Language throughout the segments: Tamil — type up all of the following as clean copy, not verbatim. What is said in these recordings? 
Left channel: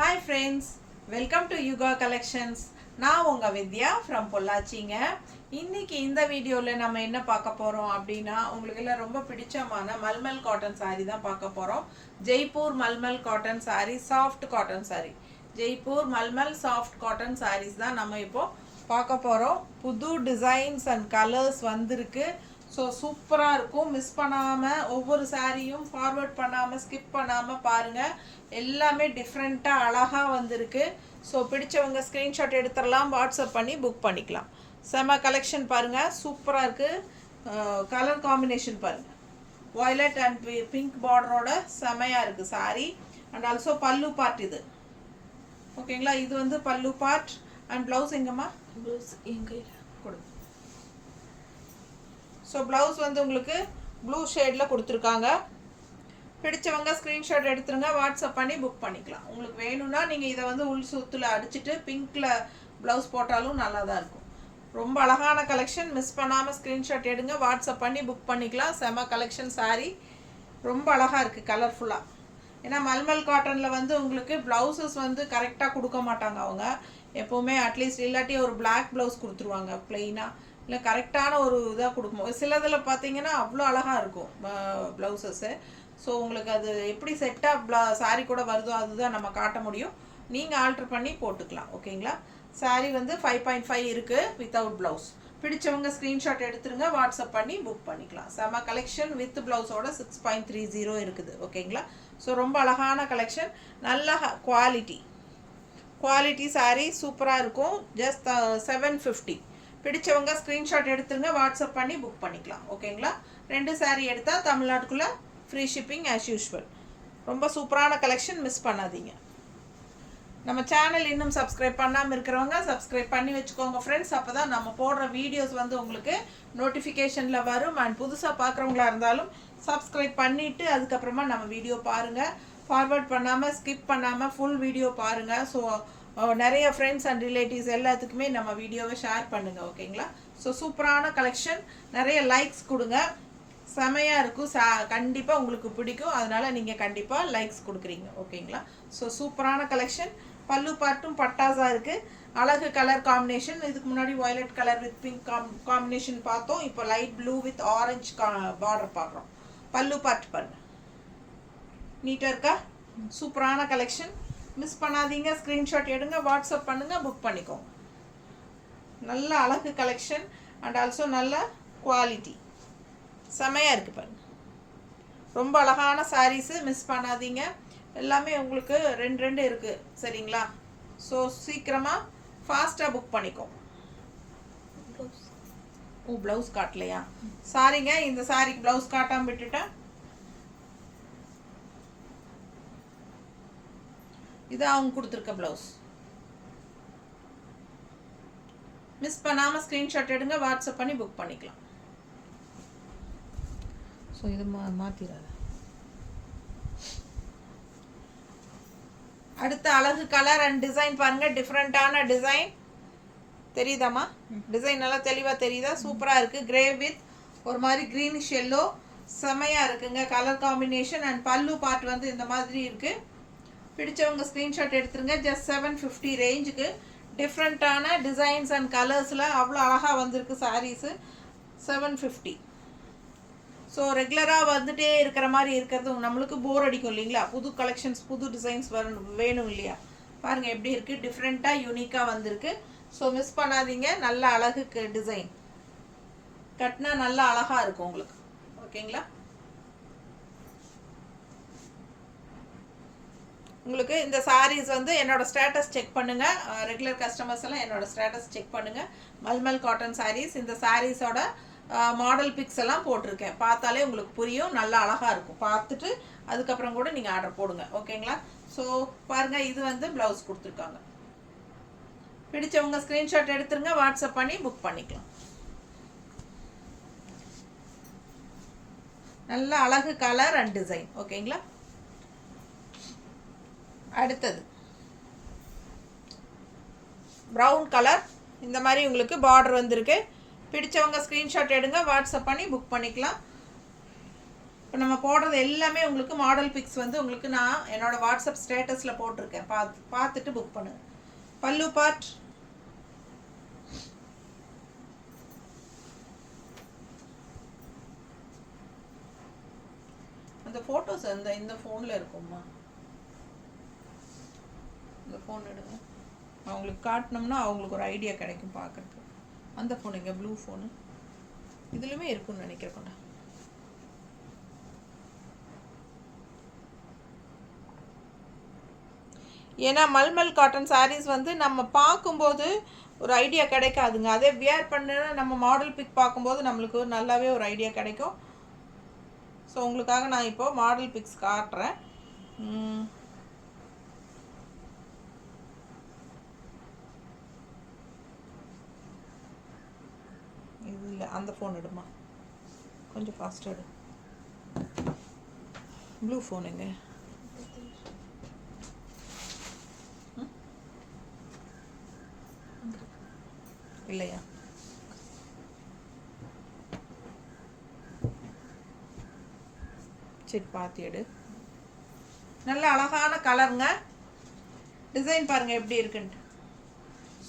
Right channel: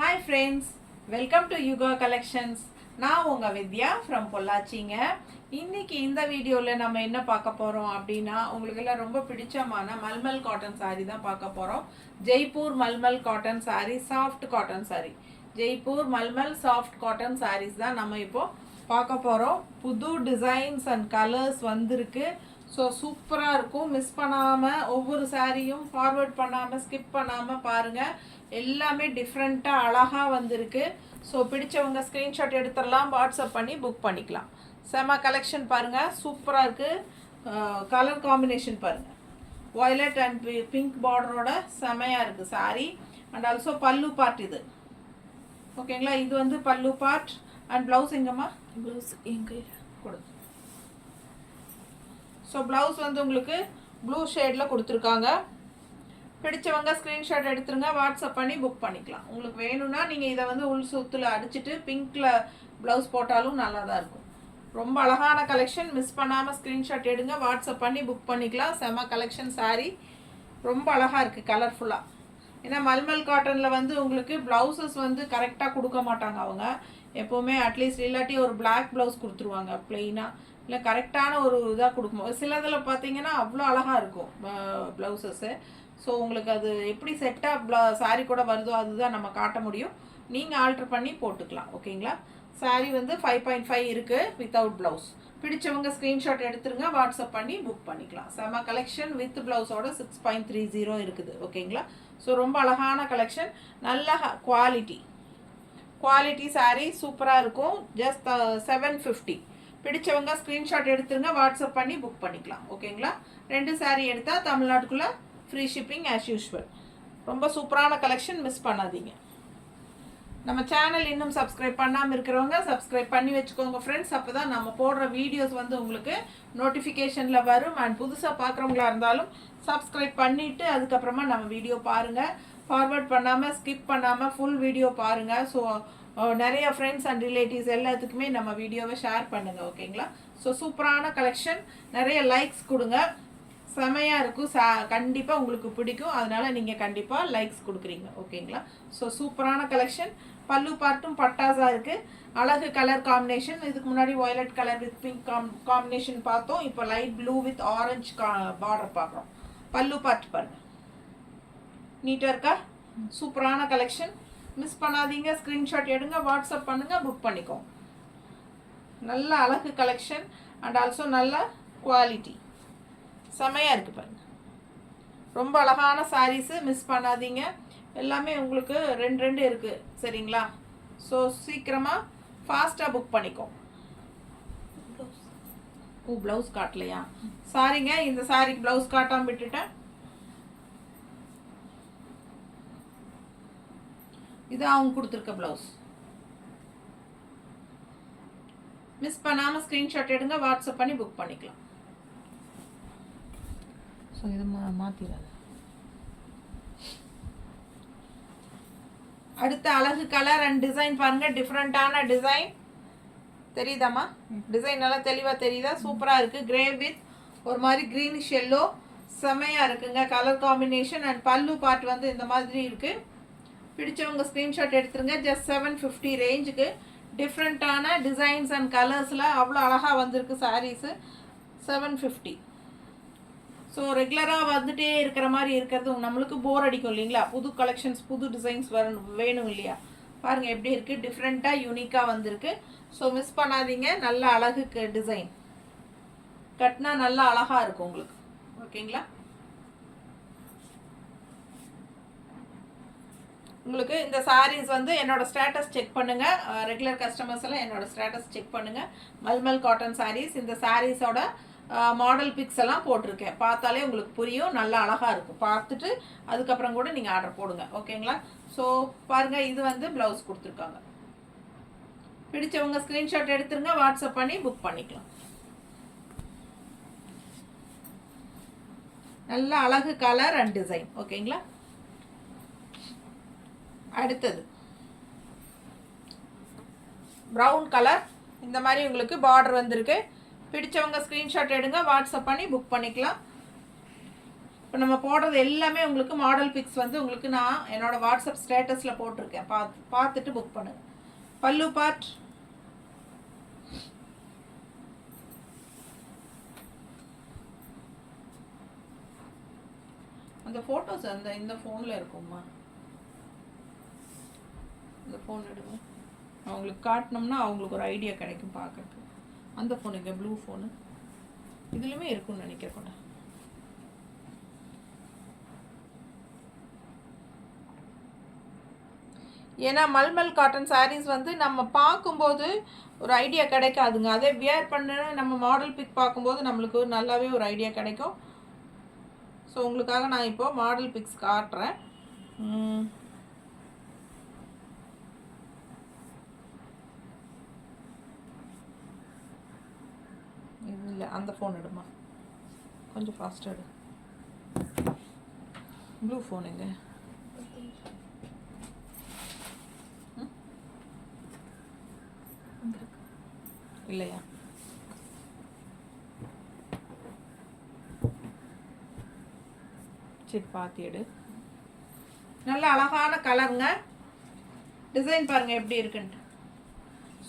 Hi friends, welcome to Yuga Collections. நான் உங்க வித்யா from பொள்ளாச்சிங்க. இன்னைக்கு இந்த வீடியோல நம்ம என்ன பார்க்க போறோம் அப்படினா உங்களுக்கு எல்லாம் ரொம்ப பிடிச்சமான மல்மல் காட்டன் saree தான் பார்க்க போறோம். ஜெய்ப்பூர் மல்மல் cotton saree, soft cotton saree. Jaipur mulmul soft cotton sarees தான் நம்ம இப்போ பார்க்க போறோம். புது டிசைன்ஸ் and கலர்ஸ் வந்திருக்கு. ஸோ சூப்பராக இருக்கும். மிஸ் பண்ணாமல் ஒவ்வொரு சாரியும் ஃபார்வர்ட் பண்ணாமல் ஸ்கிப் பண்ணாமல் பாருங்கள். எல்லாமே டிஃப்ரெண்ட்டாக அழகாக வந்திருக்கு. ஸோ பிடிச்சவங்க ஸ்க்ரீன்ஷாட் எடுத்துடலாம், வாட்ஸ்அப் பண்ணி புக் பண்ணிக்கலாம். செம கலெக்ஷன் பாருங்கள், சூப்பராக இருக்குது. கலர் காம்பினேஷன் பாருங்கள், வாய்லட் அண்ட் பிங்க் பார்டரோட செமையாக இருக்குது சாரி. அண்ட் ஆல்சோ பல்லு பார்ட் இது ஓகேங்களா. இது வந்து பல்லு பார்ட் அண்ட் ப்ளவுஸ் எங்கம்மா? ப்ளவுஸ் எங்கே கொடு. ஸோ ப்ளவுஸ் வந்து உங்களுக்கு ப்ளூ ஷேடில் கொடுத்துருக்காங்க. பிடிச்சவங்க ஸ்க்ரீன்ஷாட் எடுத்துருங்க, வாட்ஸ்அப் பண்ணி புக் பண்ணிக்கலாம். உங்களுக்கு வேணும்னா நீங்கள் இதை வந்து உள் சுத்தில் அடிச்சுட்டு பிங்க்கில் ப்ளவுஸ் போட்டாலும் நல்லா தான் இருக்கும். ரொம்ப அழகான கலெக்ஷன். மிஸ் பண்ணாமல் ஸ்க்ரீன்ஷாட் எடுங்க, வாட்ஸ்அப் பண்ணி புக் பண்ணிக்கலாம். செம கலெக்ஷன் சாரீ, ரொம்ப அழகாக இருக்குது கலர்ஃபுல்லாக. ஏன்னா மல்மல் காட்டனில் வந்து உங்களுக்கு ப்ளவுசஸ் வந்து கரெக்டாக கொடுக்க மாட்டாங்க அவங்க. எப்போவுமே அட்லீஸ்ட் இல்லாட்டி ஒரு பிளாக் ப்ளவுஸ் கொடுத்துருவாங்க ப்ளெயினாக, இல்லை கரெக்டான ஒரு இதாக கொடுக்கும். சிலதில் பார்த்தீங்கன்னா அவ்வளோ அழகாக இருக்கும் ப்ளவுசஸ்ஸு. ஸோ உங்களுக்கு அது எப்படி செட்டாக சாரீ கூட வருதோ அதுதான் நம்ம காட்ட முடியும். நீங்கள் ஆல்ட்ரு பண்ணி போட்டுக்கலாம். ஓகேங்களா. சாரீ வந்து 5.5 இருக்குது வித்தவுட் ப்ளவுஸ். பிடிச்சவங்க ஸ்க்ரீன்ஷாட் எடுத்துருங்க, வாட்ஸ்அப் பண்ணி புக் பண்ணிக்கலாம். செம கலெக்ஷன் வித் ப்ளவுஸோட 6.30 இருக்குது. ஓகேங்களா. ஸோ ரொம்ப அழகான கலெக்ஷன், நல்ல குவாலிட்டி சாரீ சூப்பராக இருக்கும். ஜஸ்ட் 750. பிடிச்சவங்க ஸ்க்ரீன்ஷாட் எடுத்துருங்க, வாட்ஸ்அப் பண்ணி புக் பண்ணிக்கலாம். ஓகேங்களா. 2 சாரீ எடுத்தால் தமிழ்நாட்டுக்குள்ளே ஃப்ரீ ஷிப்பிங் ஆஸ் யூஷுவல். ரொம்ப சூப்பரான கலெக்ஷன், மிஸ் பண்ணாதீங்க. நம்ம சேனல் இன்னும் சப்ஸ்கிரைப் பண்ணாமல் இருக்கிறவங்க சப்ஸ்கிரைப் பண்ணி வச்சுக்கோங்க ஃப்ரெண்ட்ஸ். அப்போ தான் நம்ம போடுற வீடியோஸ் வந்து உங்களுக்கு நோட்டிஃபிகேஷனில் வரும். அண்ட் புதுசாக பார்க்குறவங்களா இருந்தாலும் சப்ஸ்கிரைப் பண்ணிவிட்டு அதுக்கப்புறமா நம்ம வீடியோ பாருங்கள். ஃபார்வர்ட் பண்ணாமல் ஸ்கிப் பண்ணாமல் ஃபுல் வீடியோ பாருங்கள். ஸோ நிறைய ஃப்ரெண்ட்ஸ் அண்ட் ரிலேட்டிவ்ஸ் எல்லாத்துக்குமே நம்ம வீடியோவை ஷேர் பண்ணுங்கள். ஓகேங்களா. ஸோ சூப்பரான கலெக்ஷன், நிறைய லைக்ஸ் கொடுங்க. செமையாக இருக்கும். கண்டிப்பாக உங்களுக்கு பிடிக்கும், அதனால் நீங்கள் கண்டிப்பாக லைக்ஸ் கொடுக்குறீங்க. ஓகேங்களா. ஸோ சூப்பரான கலெக்ஷன். பல்லு பார்ட்டும் பட்டாஸாக இருக்குது. அழகு கலர் காம்பினேஷன். இதுக்கு முன்னாடி violet colour with pink combination பார்த்தோம். இப்போ light blue with orange border பார்க்குறோம். பல்லு பார்ட் பாருங்க, நீட்டாக இருக்கா. சூப்பரான கலெக்ஷன், மிஸ் பண்ணாதீங்க. ஸ்க்ரீன்ஷாட் எடுங்க, வாட்ஸ்அப் பண்ணுங்கள், புக் பண்ணிக்கோங்க. நல்ல அழகு கலெக்ஷன் அண்ட் ஆல்சோ நல்ல குவாலிட்டி, செமையாக இருக்குது பாருங்கள். ரொம்ப அழகான சாரீஸு, மிஸ் பண்ணாதீங்க. எல்லாமே உங்களுக்கு 2 இருக்குது. சரிங்களா. ஸோ சீக்கிரமாக ஃபாஸ்ட்டாக புக் பண்ணிக்கோங்க. ப்ளவுஸ் காட்டலையா? சாரிங்க, இந்த சாரிக்கு ப்ளவுஸ் காட்டாமல் விட்டுட்டேன். இது அவங்க கொடுத்துருக்க ப்ளவுஸ். மிஸ் பண்ணாமல் ஸ்க்ரீன்ஷாட் எடுங்க, வாட்ஸ்அப் பண்ணி புக் பண்ணிக்கலாம். ஸோ இது மாற்றிடாது. அடுத்த அழகு கலர் அண்ட் டிசைன் பாருங்கள். டிஃப்ரெண்ட்டான டிசைன் தெரியுதாம்மா? டிசைன் நல்லா தெளிவாக தெரியுதா? சூப்பராக இருக்குது. கிரே வித் ஒரு மாதிரி க்ரீனிஷ் எல்லோ, செமையாக இருக்குங்க கலர் காம்பினேஷன். அண்ட் பல்லு பார்ட் வந்து இந்த மாதிரி இருக்குது. பிடிச்சவங்க ஸ்க்ரீன்ஷாட் எடுத்துருங்க. ஜஸ்ட் 750 ரேஞ்சுக்கு டிஃப்ரெண்ட்டான டிசைன்ஸ் அண்ட் கலர்ஸில் அவ்வளோ அழகாக வந்திருக்கு சாரீஸு. 750. ஸோ ரெகுலராக வந்துகிட்டே இருக்கிற மாதிரி இருக்கிறது நம்மளுக்கு போர் அடிக்கும் இல்லைங்களா. புது கலெக்ஷன்ஸ், புது டிசைன்ஸ் வேணும் இல்லையா. பாருங்கள் எப்படி இருக்குது, டிஃப்ரெண்ட்டாக யூனிக்காக வந்திருக்கு. ஸோ மிஸ் பண்ணாதீங்க. நல்ல அழகுக்கு டிசைன் கட்டினா நல்லா அழகாக இருக்கும் உங்களுக்கு. ஓகேங்களா. உங்களுக்கு இந்த சாரீஸ் வந்து என்னோட ஸ்டேட்டஸ் செக் பண்ணுங்கள். ரெகுலர் கஸ்டமர்ஸ் எல்லாம் என்னோட ஸ்டேட்டஸ் செக் பண்ணுங்கள். மல்மல் காட்டன் சாரீஸ், இந்த சாரீஸோட மாடல் பிக்ஸ் எல்லாம் போட்டிருக்கேன். பார்த்தாலே உங்களுக்கு புரியும், நல்லா அழகாக இருக்கும். பார்த்துட்டு அதுக்கப்புறம் கூட நீங்கள் ஆர்டர் போடுங்க. ஓகேங்களா. ஸோ பாருங்கள், இது வந்து ப்ளவுஸ் கொடுத்துருக்காங்க. பிடிச்சவங்க ஸ்க்ரீன்ஷாட் எடுத்துருங்க, வாட்ஸ்அப் பண்ணி புக் பண்ணிக்கலாம். நல்ல அழகு கலர் அண்ட் டிசைன். ஓகேங்களா. அடுத்தது ப்ரௌன் கலர், இந்த மாதிரி உங்களுக்கு பார்டர் வந்திருக்கு. பிடிச்சவங்க ஸ்க்ரீன்ஷாட் எடுங்க, வாட்ஸ்அப் பண்ணி புக் பண்ணிக்கலாம். இப்போ நம்ம போடுறது எல்லாமே உங்களுக்கு மாடல் பிக்ஸ் வந்து உங்களுக்கு நான் என்னோடய வாட்ஸ்அப் ஸ்டேட்டஸில் போட்டிருக்கேன். பார்த்துட்டு புக் பண்ணுங்கள். பல்லு பார்ட் அந்த ஃபோட்டோஸ் இந்த ஃபோனில் இருக்கும்மா. இந்த ஃபோன் எடுங்க. அவங்களுக்கு காட்டினோம்னா அவங்களுக்கு ஒரு ஐடியா கிடைக்கும் பார்க்குறதுக்கு. அந்த ஃபோன் இங்கே ப்ளூ ஃபோனு இதுலையுமே இருக்குன்னு நினைக்கிறேன். ஏன்னா மல்மல் காட்டன் சாரீஸ் வந்து நம்ம பார்க்கும்போது ஒரு ஐடியா கிடைக்காதுங்க. அதே வியர் பண்ண நம்ம மாடல் பிக் பார்க்கும்போது நம்மளுக்கு நல்லாவே ஒரு ஐடியா கிடைக்கும். ஸோ உங்களுக்காக நான் இப்போது மாடல் பிக்ஸ் காட்டுறேன். இது இல்லை, அந்த ஃபோன் எடுமா, கொஞ்சம் ஃபாஸ்ட்டாக எடு. ப்ளூ ஃபோனுங்க. இல்லையா? சரி பார்த்து எடு. நல்ல அழகான கலருங்க. டிசைன் பாருங்கள் எப்படி இருக்குன்ட்டு.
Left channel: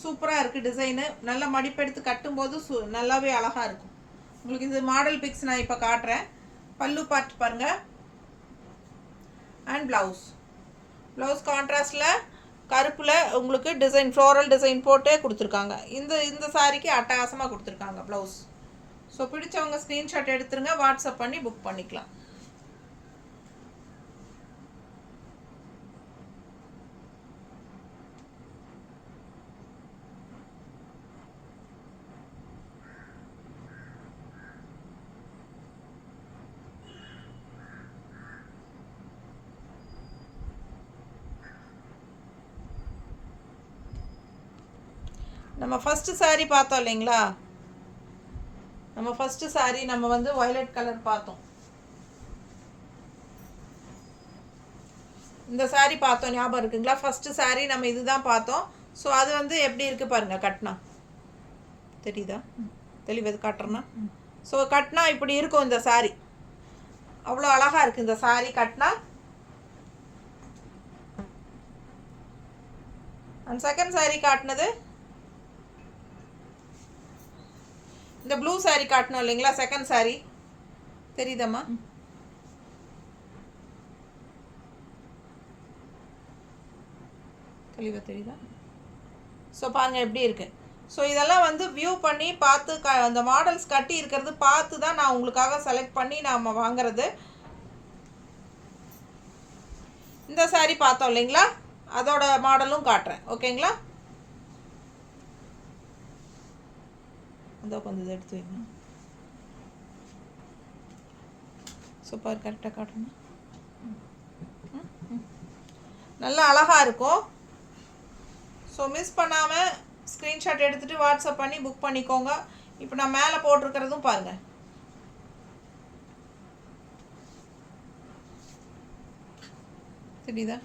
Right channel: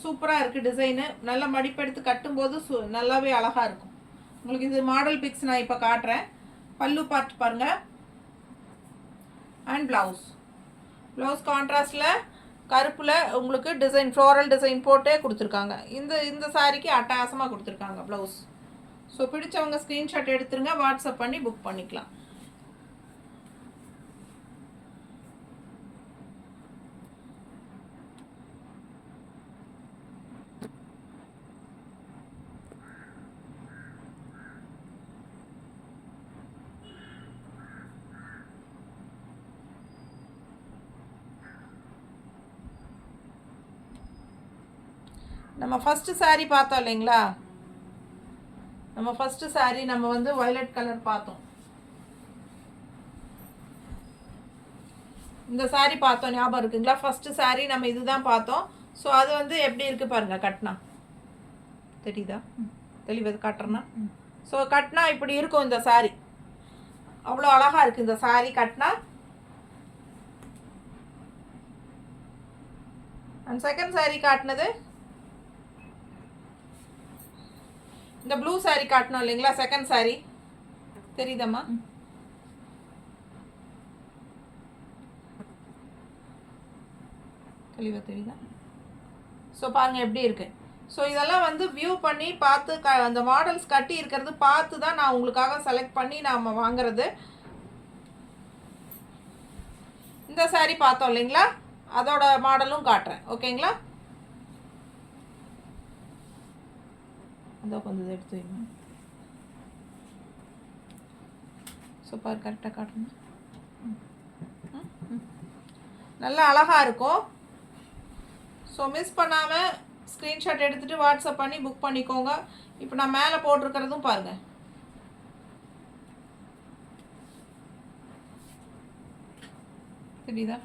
சூப்பராக இருக்குது டிசைனு. நல்ல மடிப்பெடுத்து கட்டும்போது நல்லாவே அழகாக இருக்கும். உங்களுக்கு இது மாடல் பிக்ஸ் நான் இப்போ காட்டுறேன். பல்லு பார்ட் பாருங்கள். அண்ட் ப்ளவுஸ் கான்ட்ராஸ்டில் கருப்பில் உங்களுக்கு டிசைன் ஃப்ளோரல் டிசைன் போட்டே கொடுத்துருக்காங்க. இந்த சாரிக்கு அட்டகாசமாக கொடுத்துருக்காங்க ப்ளவுஸ். ஸோ பிடிச்சவங்க ஸ்க்ரீன்ஷாட் எடுத்துருங்க, வாட்ஸ்அப் பண்ணி புக் பண்ணிக்கலாம். நம்ம ஃபஸ்ட்டு சாரீ பார்த்தோம் இல்லைங்களா? நம்ம ஃபஸ்ட்டு சாரீ நம்ம வந்து வயலட் கலர் பார்த்தோம். இந்த சாரீ பார்த்தோம், ஞாபகம் இருக்குங்களா? ஃபஸ்ட்டு சாரீ நம்ம இதுதான் பார்த்தோம். ஸோ அது வந்து எப்படி இருக்குது பாருங்கள். கட்டினா தெரியுதா? தெளிவது காட்டுறேன்னா. ஸோ கட்டினா இப்படி இருக்கும் இந்த சாரீ. அவ்வளோ அழகாக இருக்குது இந்த சாரீ கட்டினா. அண்ட் செகண்ட் சாரீ காட்டினது இந்த ப்ளூ சாரீ காட்டணும் இல்லைங்களா? செகண்ட் சாரீ தெரியுதம்மா? தெளிவாக தெரியுதா? ஸோ பாருங்கள் எப்படி இருக்குது. ஸோ இதெல்லாம் வந்து வியூ பண்ணி பார்த்து அந்த மாடல்ஸ் கட்டி இருக்கிறது பார்த்து தான் நான் உங்களுக்காக செலக்ட் பண்ணி நாம் வாங்குறது. இந்த சாரீ பார்த்தோம் இல்லைங்களா? அதோட மாடலும் காட்டுறேன். ஓகேங்களா? அதோ கொஞ்சம் எடுத்து வைங்க. சூப்பர், கரெக்டாக காட்டணும். நல்லா அழகாக இருக்கும். ஸோ மிஸ் பண்ணாமல் ஸ்க்ரீன்ஷாட் எடுத்துகிட்டு வாட்ஸ்அப் பண்ணி புக் பண்ணிக்கோங்க. இப்போ நான் மேலே போட்டிருக்கிறதும் பாருங்கள். தெரியுதா?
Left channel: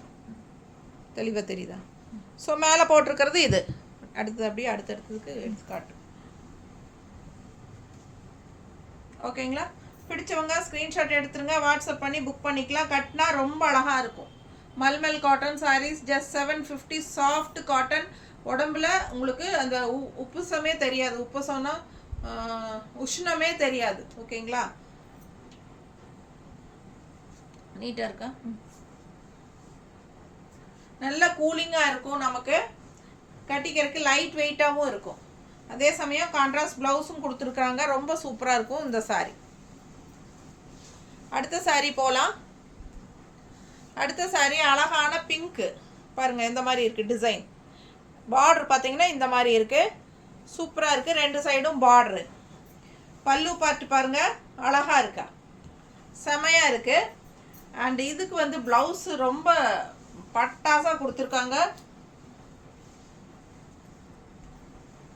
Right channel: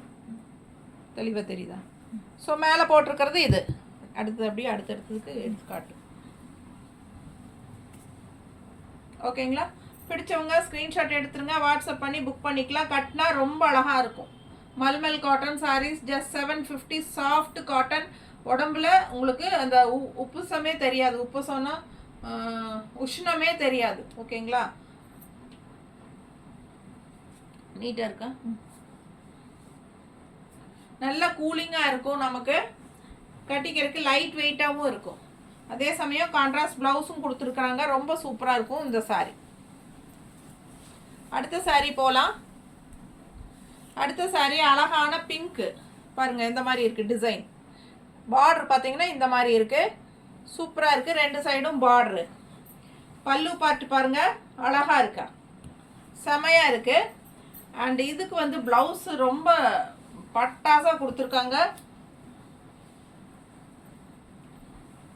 தெளிவாக தெரியுதா? ஸோ மேலே போட்டிருக்கிறது இது. அடுத்தது அப்படியே அடுத்தடுத்ததுக்கு எடுத்து காட்டு. ஓகேங்களா? பிடிச்சவங்க ஸ்க்ரீன்ஷாட் எடுத்துருங்க, வாட்ஸ்அப் பண்ணி புக் பண்ணிக்கலாம். கட்டினா ரொம்ப அழகாக இருக்கும். மல்மல் cotton sarees just 750. Soft cotton. உடம்புல உங்களுக்கு அந்த உப்புசமே தெரியாது. உப்புசம்னா உஷ்ணமே தெரியாது. ஓகேங்களா? நீட்டாக இருக்கா? நல்ல கூலிங்காக இருக்கும். நமக்கு கட்டிக்கிறதுக்கு லைட் வெயிட்டாகவும் இருக்கும். அதே சமயம் கான்ட்ராஸ்ட் ப்ளவுஸும் கொடுத்துருக்காங்க. ரொம்ப சூப்பராக இருக்கும் இந்த சாரீ. அடுத்த சாரீ போகலாம். அடுத்த சாரீ அழகான பிங்க்கு பாருங்கள். இந்த மாதிரி இருக்குது டிசைன். பார்டர் பார்த்தீங்கன்னா இந்த மாதிரி இருக்குது. சூப்பராக இருக்குது. ரெண்டு சைடும் பார்டரு. பல்லு பார்த்து பாருங்கள், அழகாக இருக்கா, செமையாக இருக்குது. அண்ட் இதுக்கு வந்து ப்ளவுஸு ரொம்ப பட்டாசாக கொடுத்துருக்காங்க.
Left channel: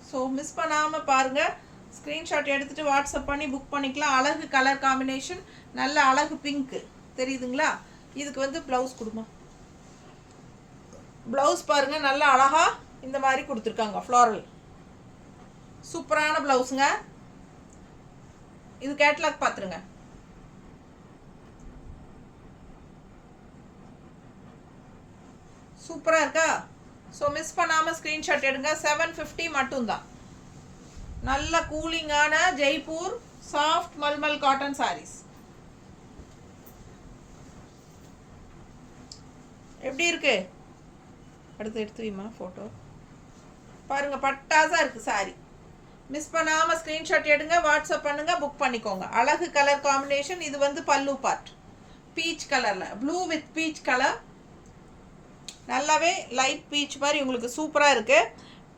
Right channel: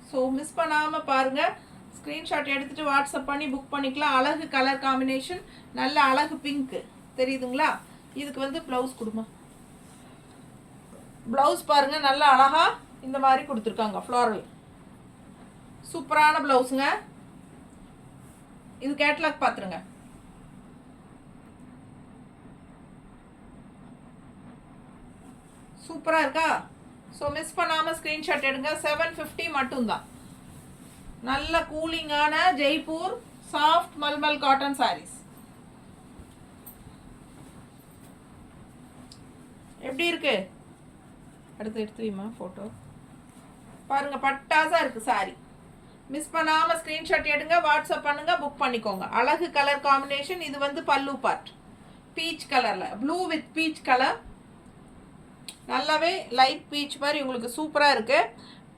ஸோ மிஸ் பண்ணாமல் பாருங்கள். ஸ்க்ரீன்ஷாட் எடுத்துகிட்டு வாட்ஸ்அப் பண்ணி புக் பண்ணிக்கலாம். அழகு கலர் காம்பினேஷன், நல்ல அழகு பிங்க்கு தெரியுதுங்களா? இதுக்கு வந்து ப்ளவுஸ் கொடுமா. ப்ளவுஸ் பாருங்கள், நல்ல அழகாக இந்த மாதிரி கொடுத்துருக்காங்க. ஃப்ளாரல் சூப்பரான ப்ளவுஸுங்க. இது கேட்லாக் பார்த்துருங்க. சூப்பராக இருக்கா? ஸோ மிஸ் பண்ணாமல் ஸ்க்ரீன்ஷாட் எடுங்க. 750 மட்டும்தான். நல்ல கூலிங்கான ஜெய்ப்பூர் சாஃப்ட் மல்மல் காட்டன் சாரீஸ். எப்படி இருக்கு? அடுத்து எடுத்து வைமா ஃபோட்டோ. பாருங்கள், பட்டாசாக இருக்குது சாரி. மிஸ் பண்ணாமல் ஸ்க்ரீன்ஷாட் எடுங்க, வாட்ஸ்அப் பண்ணுங்கள், புக் பண்ணிக்கோங்க. அழகு கலர் காம்பினேஷன். இது வந்து பல்லு பார்ட் பீச் கலரில், ப்ளூ வித் பீச் கலர். நல்லாவே லைட் பீச் மாதிரி உங்களுக்கு சூப்பராக இருக்குது.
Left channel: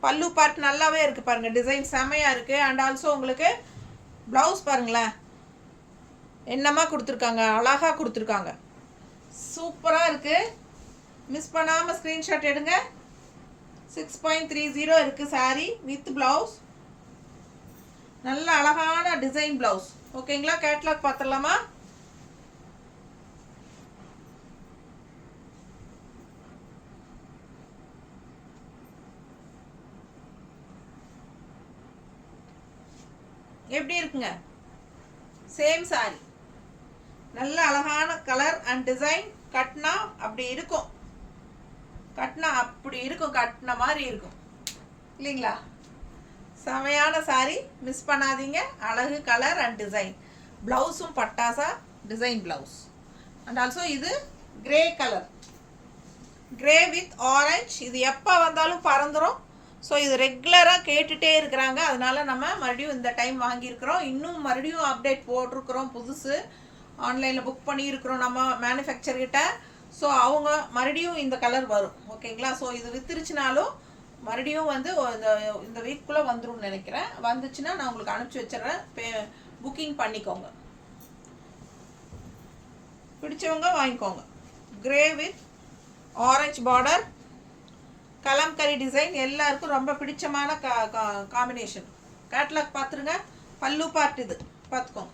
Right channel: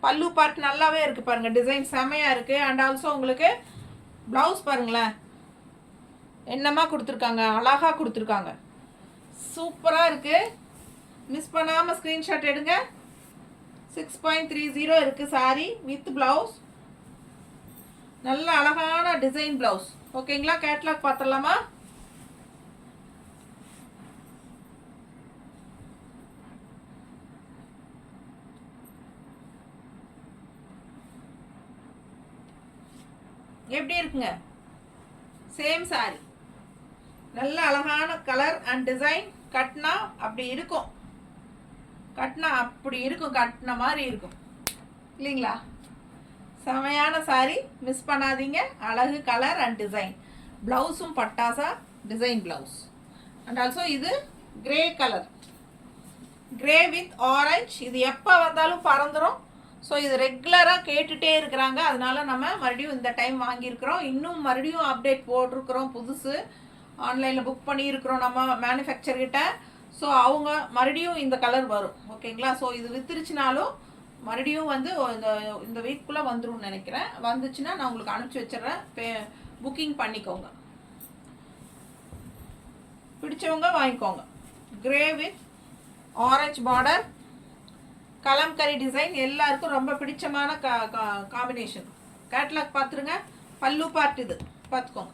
பல்லு பார்ட் நல்லாவே இருக்குது பாருங்கள், டிசைன் செமையாக இருக்குது. அண்ட் ஆல்சோ உங்களுக்கு ப்ளவுஸ் பாருங்களேன், என்னமா கொடுத்துருக்காங்க, அழகாக கொடுத்துருக்காங்க, சூப்பராக இருக்குது. மிஸ் பண்ணாமல் ஸ்க்ரீன்ஷாட் எடுங்க. 6.30 இருக்குது சாரி வித் ப்ளவுஸ். நல்ல அழகான டிசைன் ப்ளவுஸ். ஓகேங்களா? கேட்லாக் பார்த்துடலாமா? எப்படி இருக்குங்க? சேம் சாரி, நல்ல அழகான கலர் அண்ட் டிசைன். கட்னா அப்படி இருக்கும், கட்னா அப்படி இருக்கும், கட்டின மாதிரி இருக்கும் இல்லைங்களா? செமையான சாரி, மிஸ் பண்ணாதீங்க. அழகு கலர் அண்ட் டிசைன். ப்ளவுஸும் பட்டாசா டிசைன் ப்ளவுஸ். அண்ட் ஆல்சோ இது grey colour, grey with orange. இது எப்போ வந்தாலும் பறந்துடும். ஸோ இது ரெகுலராக கேட்டுகிட்டே இருக்கிறாங்க, அதனால நம்ம மறுபடியும் இந்த டைம் வாங்கியிருக்கிறோம். இன்னும் மறுபடியும் அப்டேட் போட்டிருக்கிறோம், புதுசு ஆன்லைனில் புக் பண்ணியிருக்கிறோம் நம்ம மேனுஃபேக்சர்கிட்ட. ஸோ அவங்க மறுபடியும் இந்த கலர் வரும். ஓகேங்களா? ஸோ இது வித்துருச்சுனாலும் மறுபடியும் வந்து இந்த வீக்குள்ளே வந்துடும் நினைக்கிறேன். வந்துச்சுன்னா நான் உங்களுக்கு அனுப்பிச்சி வச்சிடுறேன், புக்கிங் பண்ணிக்கோங்க. பிடிச்சவங்க வாங்கிக்கோங்க. Grey with orange border, kalamkari design, எல்லாருக்கும் ரொம்ப பிடிச்சமான காம்பினேஷன். கேட்லாக் பார்த்துருங்க. பல்லு பார்ட் இது பார்த்துக்கோங்க.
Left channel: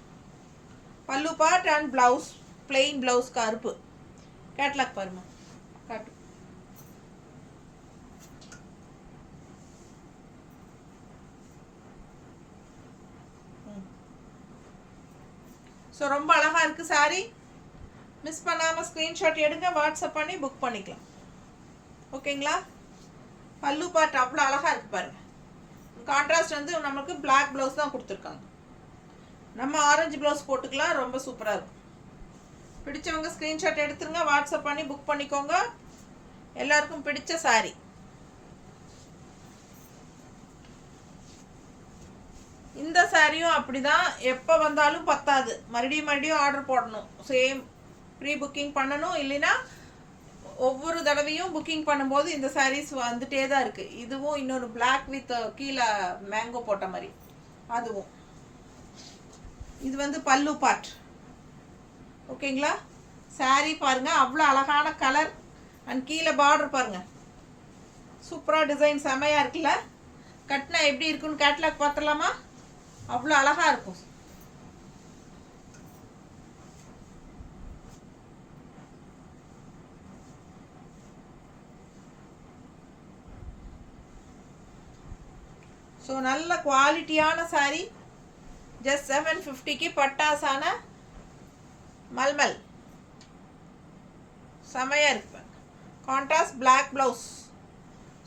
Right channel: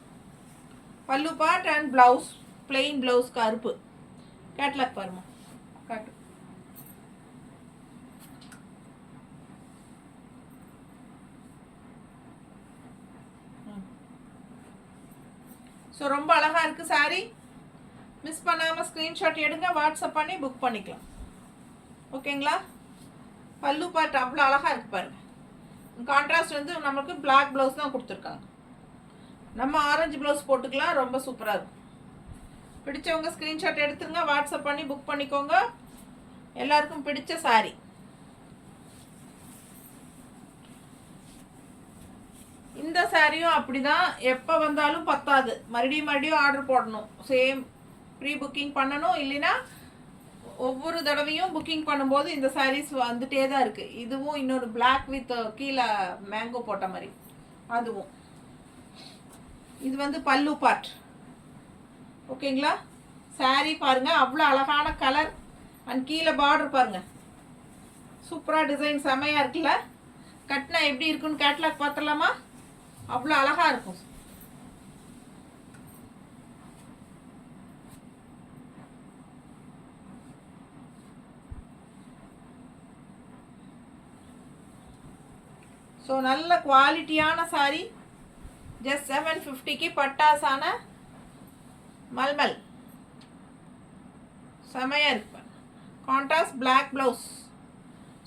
பல்லு part and blouse, plain blouse கருப்பு. கேட்லாக் பாருமா, காட்டு. ஸோ ரொம்ப அழகாக இருக்குது சாரி. மிஸ் பண்ணாமல் ஸ்க்ரீன்ஷாட் எடுங்க, வாட்ஸ்அப் பண்ணி புக் பண்ணிக்கலாம். ஓகேங்களா? பல்லு பார்ட் அவ்வளோ அழகாக இருக்குது பாருங்கள். கான்ட்ராஸ்ட் வந்து நமக்கு பிளாக் ப்ளவுஸ் தான் கொடுத்துருக்காங்க. நம்ம ஆரஞ்சு ப்ளவுஸ் போட்டுக்கலாம், ரொம்ப சூப்பராக இருக்கும். பிடிச்சவங்க ஸ்க்ரீன்ஷாட் எடுத்துருங்க, வாட்ஸ்அப் பண்ணி புக் பண்ணிக்கோங்க. எல்லாருக்கும் பிடிச்ச சாரி. இந்த சாரியும் அப்படி தான், எப்போ வந்தாலும் பத்தாது, மறுபடியும் ஆர்டர் போடணும். சேம் ப்ரீ புக்கிங் பண்ணணும். இல்லைன்னா ஒவ்வொரு தடவையும் புக்கிங் பண்ணும்போது இந்த சாரீஸ் வந்துட்டே தான் இருக்குது. இதுவும் இன்னொரு பிளாக் வித் கீழே மேங்கோ போட்ட மாதிரி, அதுவும். இது வந்து பல்லு பார்ட். ஓகேங்களா? சாரீ பாருங்கள், அவ்வளோ அழகான கலர் அண்ட் கீழே பார்டர் பாருங்கள், சூப்பராக டிசைன் செமையாக இருக்குல்ல? கட்டினா எப்படி இருக்குன்னு கேட்லாக் பார்த்துடலாமா? அவ்வளோ அழகாக இருக்கும். ஸோ நல்ல குவாலிட்டியான சாரி. ஜஸ்ட் 750க்கு பட்டாசான மல்மல் செமையாக இருக்கு. கான்ட்ராஸ்ட் பிளாக் ப்ளவுஸ்,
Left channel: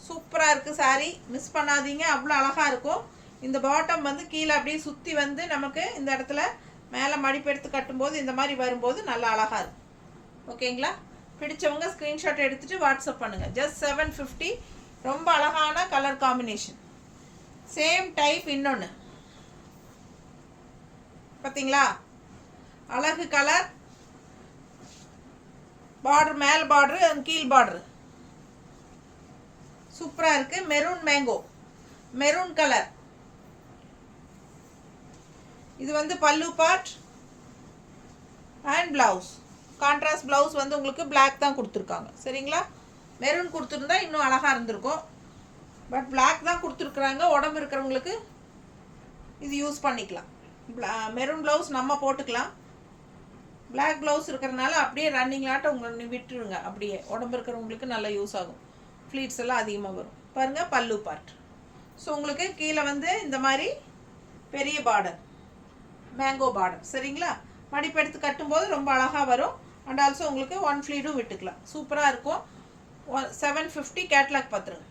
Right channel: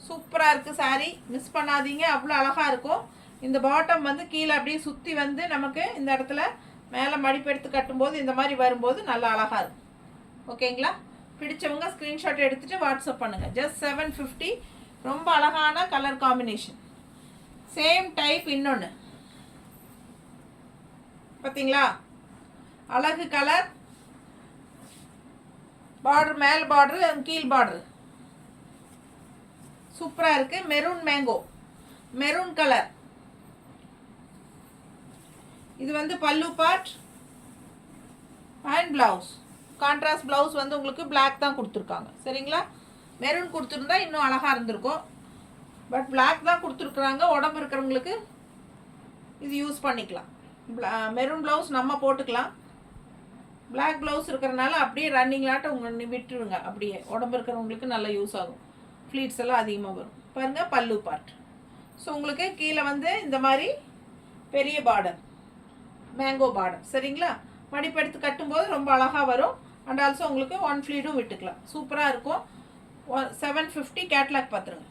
சூப்பராக இருக்குது சாரி. மிஸ் பண்ணாதீங்க, அவ்வளோ அழகாக இருக்கும். இந்த பாட்டம் வந்து கீழே அப்படியே சுற்றி வந்து நமக்கு இந்த இடத்துல மேலே மடிப்பு எடுத்து கட்டும்போது இந்த மாதிரி வரும்போது நல்லா அழகாக இருக்கும். ஓகேங்களா? பிடிச்சவங்க ஸ்க்ரீன்ஷாட் எடுத்துகிட்டு வாட்ஸ்அப் பண்ணுங்கள். ஜஸ்ட் 750. ரொம்ப அழகான கலர் காம்பினேஷன். சேம் டைப் இன்னொன்று பார்த்தீங்களா? அழகு கலர் பார்டர், மேல் பார்டரு கீழ் பார்டரு சூப்பராக இருக்குது. Maroon mango, maroon colour. இது வந்து pallu part and blouse. Contrast blouse வந்து உங்களுக்கு பிளாக் தான் கொடுத்துருக்காங்க. சரிங்களா? மெரூன் கொடுத்துருந்தா இன்னும் அழகாக இருந்திருக்கும். பட் பிளாக் தான் கொடுத்துருக்குறாங்க. உடம்பு இருக்கிறவங்களுக்கு இது யூஸ் பண்ணிக்கலாம். மெரூன் ப்ளவுஸ் நம்ம போட்டுக்கலாம். பிளாக் ப்ளவுஸ் இருக்கிறனால அப்படியே ரன்னிங்லாட்ட உங்களை விட்டுருங்க. அப்படியே உடம்பு இருக்கிறவங்களுக்கு நல்லா யூஸ் ஆகும். ஃப்ளீட்ஸ் எல்லாம் அதிகமாக வரும். பாருங்கள், பல்லு பார்ட். ஸோ உங்களுக்கு கீழே வந்து இந்த மாதிரி பெரிய பார்டர், மேங்கோ பார்டர். சரிங்களா? மடிப்பு எடுத்து கட்டும்போது ரொம்ப அழகாக வரும். அண்ட் ஆல்சோ உங்களுக்கு ஒன் ஃப்ளீடும் விட்டுக்கலாம். சூப்பராக இருக்கும். 750 கேட்லாக் பார்த்துருங்க.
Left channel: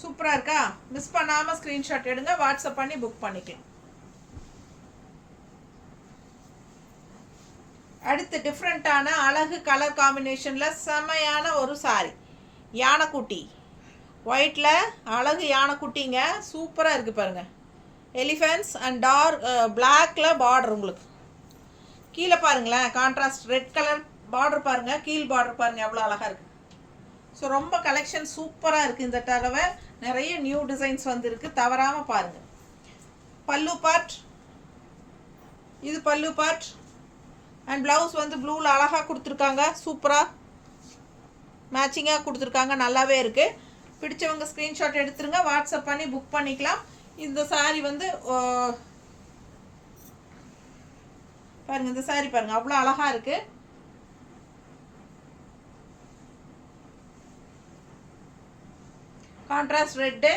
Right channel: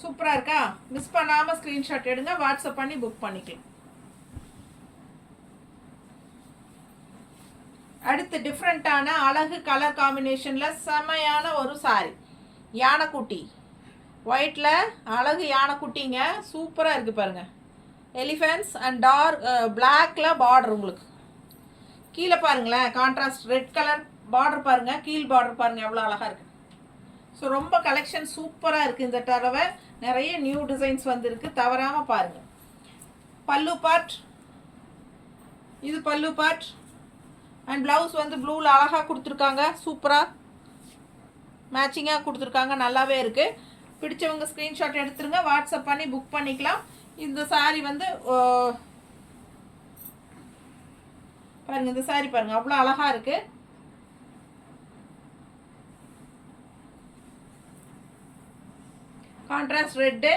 சூப்பராக இருக்கா? மிஸ் பண்ணாமல் ஸ்க்ரீன்ஷாட் எடுங்க, வாட்ஸ்அப் பண்ணி புக் பண்ணிக்கலாம். அடுத்து டிஃப்ரெண்ட்டான அழகு கலர் காம்பினேஷனில் செமையான ஒரு சாரி, யானைக்குட்டி ஒயிட்டில் அழகு யானைக்குட்டிங்க, சூப்பராக இருக்குது பாருங்கள். எலிஃபென்ட்ஸ் அண்ட் டார்க் பிளாக்ல பார்டர், உங்களுக்கு கீழே பாருங்களேன் கான்ட்ராஸ்ட் ரெட் கலர் பார்டர் பாருங்கள், கீழ் பார்டர் பாருங்கள் எவ்வளோ அழகாக இருக்குது. ஸோ ரொம்ப கலெக்ஷன் சூப்பராக இருக்குது. இந்த தடவை நிறைய நியூ டிசைன்ஸ் வந்துருக்கு, தவறாமல் பாருங்கள். பல்லு பார்ட், இது பல்லு பார்ட் அண்ட் ப்ளவுஸ் வந்து ப்ளூவில் அழகாக கொடுத்துருக்காங்க, சூப்பராக மேட்சிங்காக கொடுத்துருக்காங்க, நல்லாவே இருக்குது. பிடிச்சவங்க ஸ்க்ரீன்ஷாட் எடுத்துருங்க, வாட்ஸ்அப் பண்ணி புக் பண்ணிக்கலாம். இந்த சாரீ வந்து பாருங்கள், இந்த சாரீ பாருங்கள் அவ்வளோ அழகாக இருக்குது. கான்ட்ராஸ்ட் ரெட்டு,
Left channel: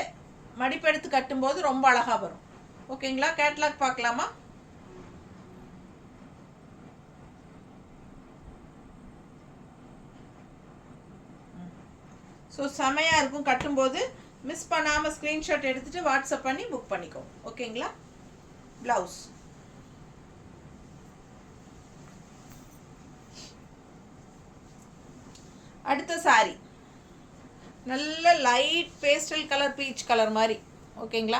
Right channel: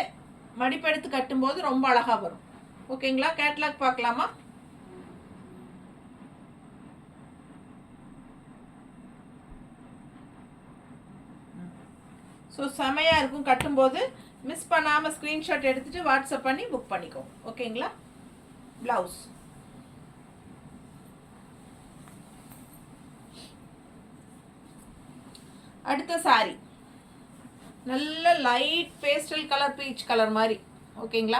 மடிப்பெடுத்து கட்டும்போது ரொம்ப அழகாக வரும். ஓகேங்களா? கேட்லாக் பார்க்கலாமா? ஸோ செமையாக இருக்கும் கட்டும்போது. மிஸ் பண்ணாமல் ஸ்க்ரீன்ஷாட் எடுத்துகிட்டு வாட்ஸ்அப் பண்ணி புக் பண்ணிக்கோ. ஓகேங்களா? ப்ளவுஸ் அடுத்த சாரி நல்ல light pastel colour, peach colour மாதிரி. ஓகேங்களா?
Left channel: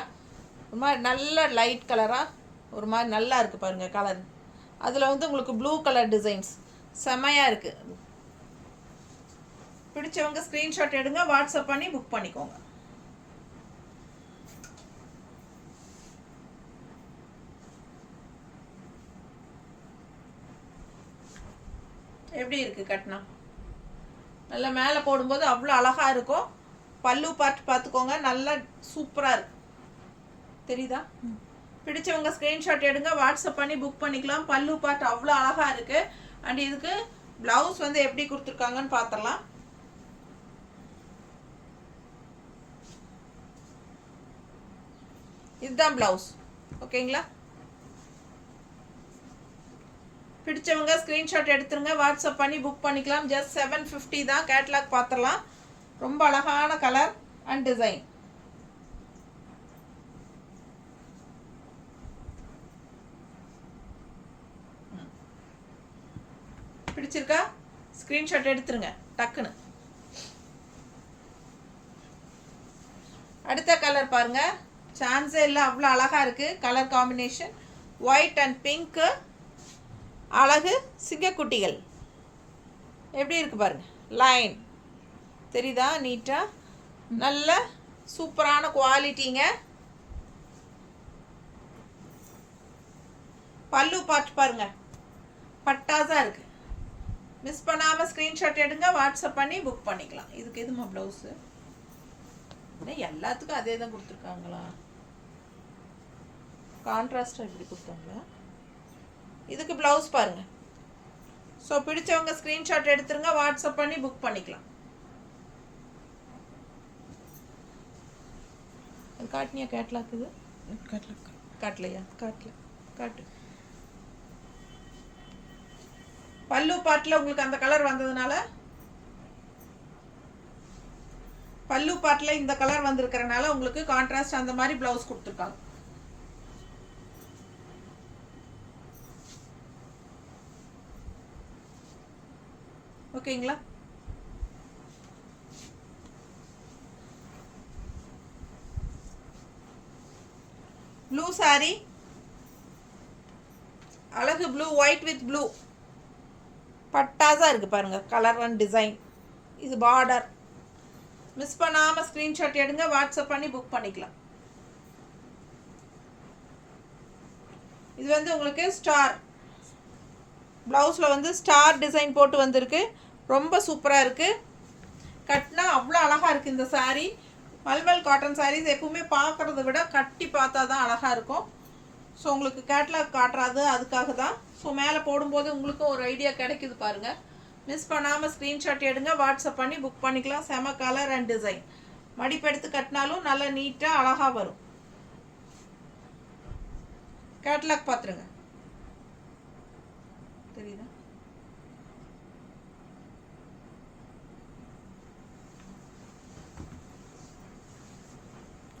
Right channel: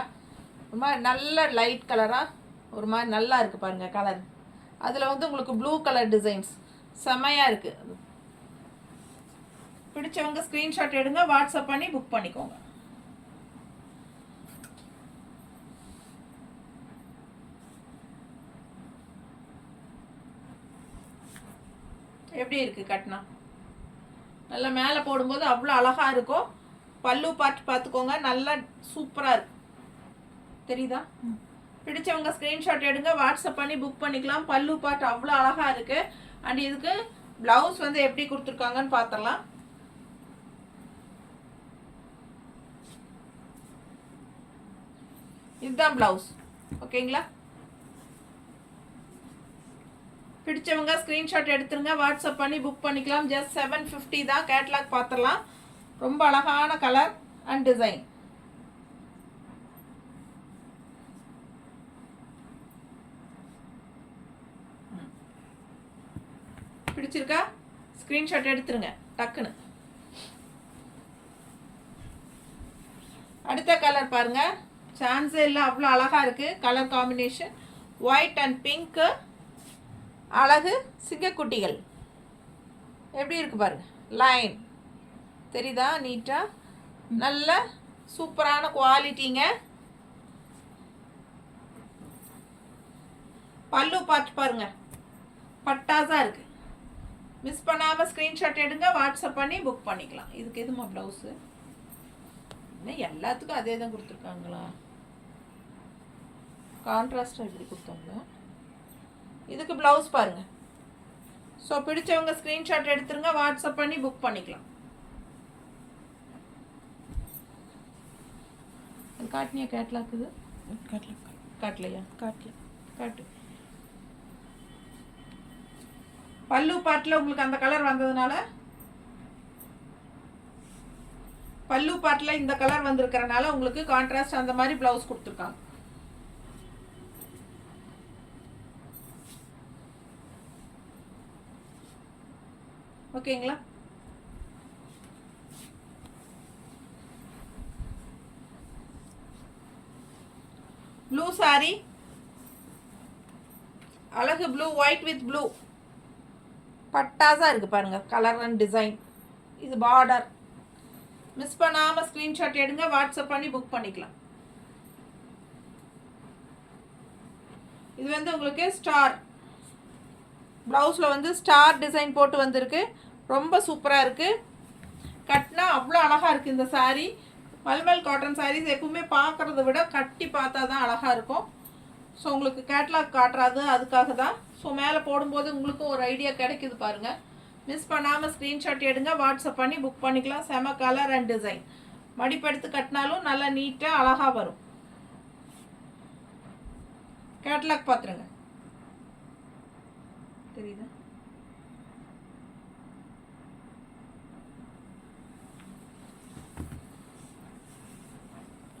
ஒரு மாதிரி நல்ல லைட் கலராக ஒரு மாதிரி நல்லா இருக்குது பாருங்கள் கலர். அதில் வந்து உங்களுக்கு ப்ளூ கலர் டிசைன்ஸ் செமையாக இருக்குது. பிடிச்சவங்க ஸ்க்ரீன்ஷாட் எடுங்க, வாட்ஸ்அப் பண்ணி புக் பண்ணிக்கோங்க. எப்படி இருக்குது கட்டினா? நல்லா மேலே போடும்போது அவ்வளோ அழகாக இருக்கும். பல்லு பார்த்துக்கோங்க, நல்லா சூப்பராக இருக்கு. தெரியுதா? பிடிச்சவங்க ஸ்க்ரீன்ஷாட் எடுங்க, வாட்ஸ்அப் பண்ணி புக் பண்ணிக்கலாம். பல்லு பார்ட் அவ்வளோ அழகாக இருக்குது. அண்ட் இதுக்கு ப்ளவுஸ் வந்து எப்படி கொடுத்துருக்காங்கன்னு பார்த்துடலாம். இதுதான் ப்ளவுஸ். ஓகேங்களா? பிடிச்சவங்க ஸ்க்ரீன்ஷாட் எடுத்துருங்க, வாட்ஸ்அப் பண்ணி புக் பண்ணிக்கலாம். ஜஸ்ட் 750 தான். கேட்லாக் பார்த்துடலாம். ரொம்ப அழகான கலர் அண்ட் டிசைன். பிடிச்சிருக்கா? ஸ்க்ரீன்ஷாட் எடுத்துருங்க டக்குன்னு. அடுத்த கலர் பாருங்க, சான்ஸே இல்லை, அவ்வளோ அழகாக இருக்குது colour combination. White and pink, அழகு சிங்கக்குட்டிகள் எப்படி இருக்கு பாருங்க. லைன் தெரியுதா? நீட்டாக நல்ல சூப்பரான குவாலிட்டிங்க. பல்லு பார்ட் பாருங்க, பட்டாஸாக இருக்குது. மிஸ் பண்ணாமல் ஸ்க்ரீன்ஷாட் எடுங்க, வாட்ஸ்அப் பண்ணி புக் பண்ணிக்கலாம். இதுக்கு எதுமா ப்ளவுஸு? எல்லாத்துக்கும் அதே தான் கொடுத்துருக்காங்களா? கான்ட்ராஸ்டாக எப்படி கொடுத்தாங்களா? இதுக்கு ப்ளவுஸ் பாருங்கள். ஸோ பிடிச்சவங்க ஸ்க்ரீன்ஷாட் எடுத்துருங்க, வாட்ஸ்அப் பண்ணி புக் பண்ணிக்கலாம். அது காட்டினியா? கேட்லாக் இது காட்டலையா? காட்டு. பல்லு பாட்டில் உங்களுக்கு அந்த கலர் வந்ததுனால, பல்லு பாட்டில் இந்த கலர் வந்திருக்கிறனால உங்களுக்கு கான்ட்ராஸ்ட் அந்த மாதிரி ப்ளவுஸ் கொடுத்துருக்காங்க. ஓகேங்களா? ப்ளூ சாரி, அழகு ப்ளூ, ஒயிட் வித் ப்ளூ, பட்டாஸாக இருக்குது பாருங்கள் கலர் அண்ட் டிசைன். இது பார்டர். மிஸ் பண்ணாமல் ஸ்க்ரீன்ஷாட் எடுங்க, வாட்ஸ்அப் பண்ணி புக் பண்ணிக்கலாம். இது வந்து உங்களுக்கு ஸ்டார் ப்ளவுஸில் வந்து ஸ்டார் டிசைன் போட்டு வந்திருக்கு. ரொம்ப சூப்பராக இருக்குது. கட்டினா அவ்வளோ அழகாக இருக்குது இந்த சாரீ. மல்மல் காட்டன் சாரீஸ் எப்பவுமே பார்க்குறத விட கட்டி பார்த்தா தான் அழகாக இருக்கும். ஸோ உங்களுக்கு கேட்லாக் காட்டுறாது, அதுக்காக தான். ஸோ மேலே போடும்போது உங்களுக்கும் ஒரு ஐடியா கிடைக்குது பாருங்கள். மிஸ் பண்ணாமல் ஸ்க்ரீன்ஷாட் எடுங்க, வாட்ஸ்அப் பண்ணி புக் பண்ணிக்கலாம். செம கலர் அண்ட் டிசைன். மடிப்பெடுத்து கட்டினாலும் நல்லா நீட்டாக அழகாக வரும். கேட்லாக் பார்த்துருங்க. தெரியுதா?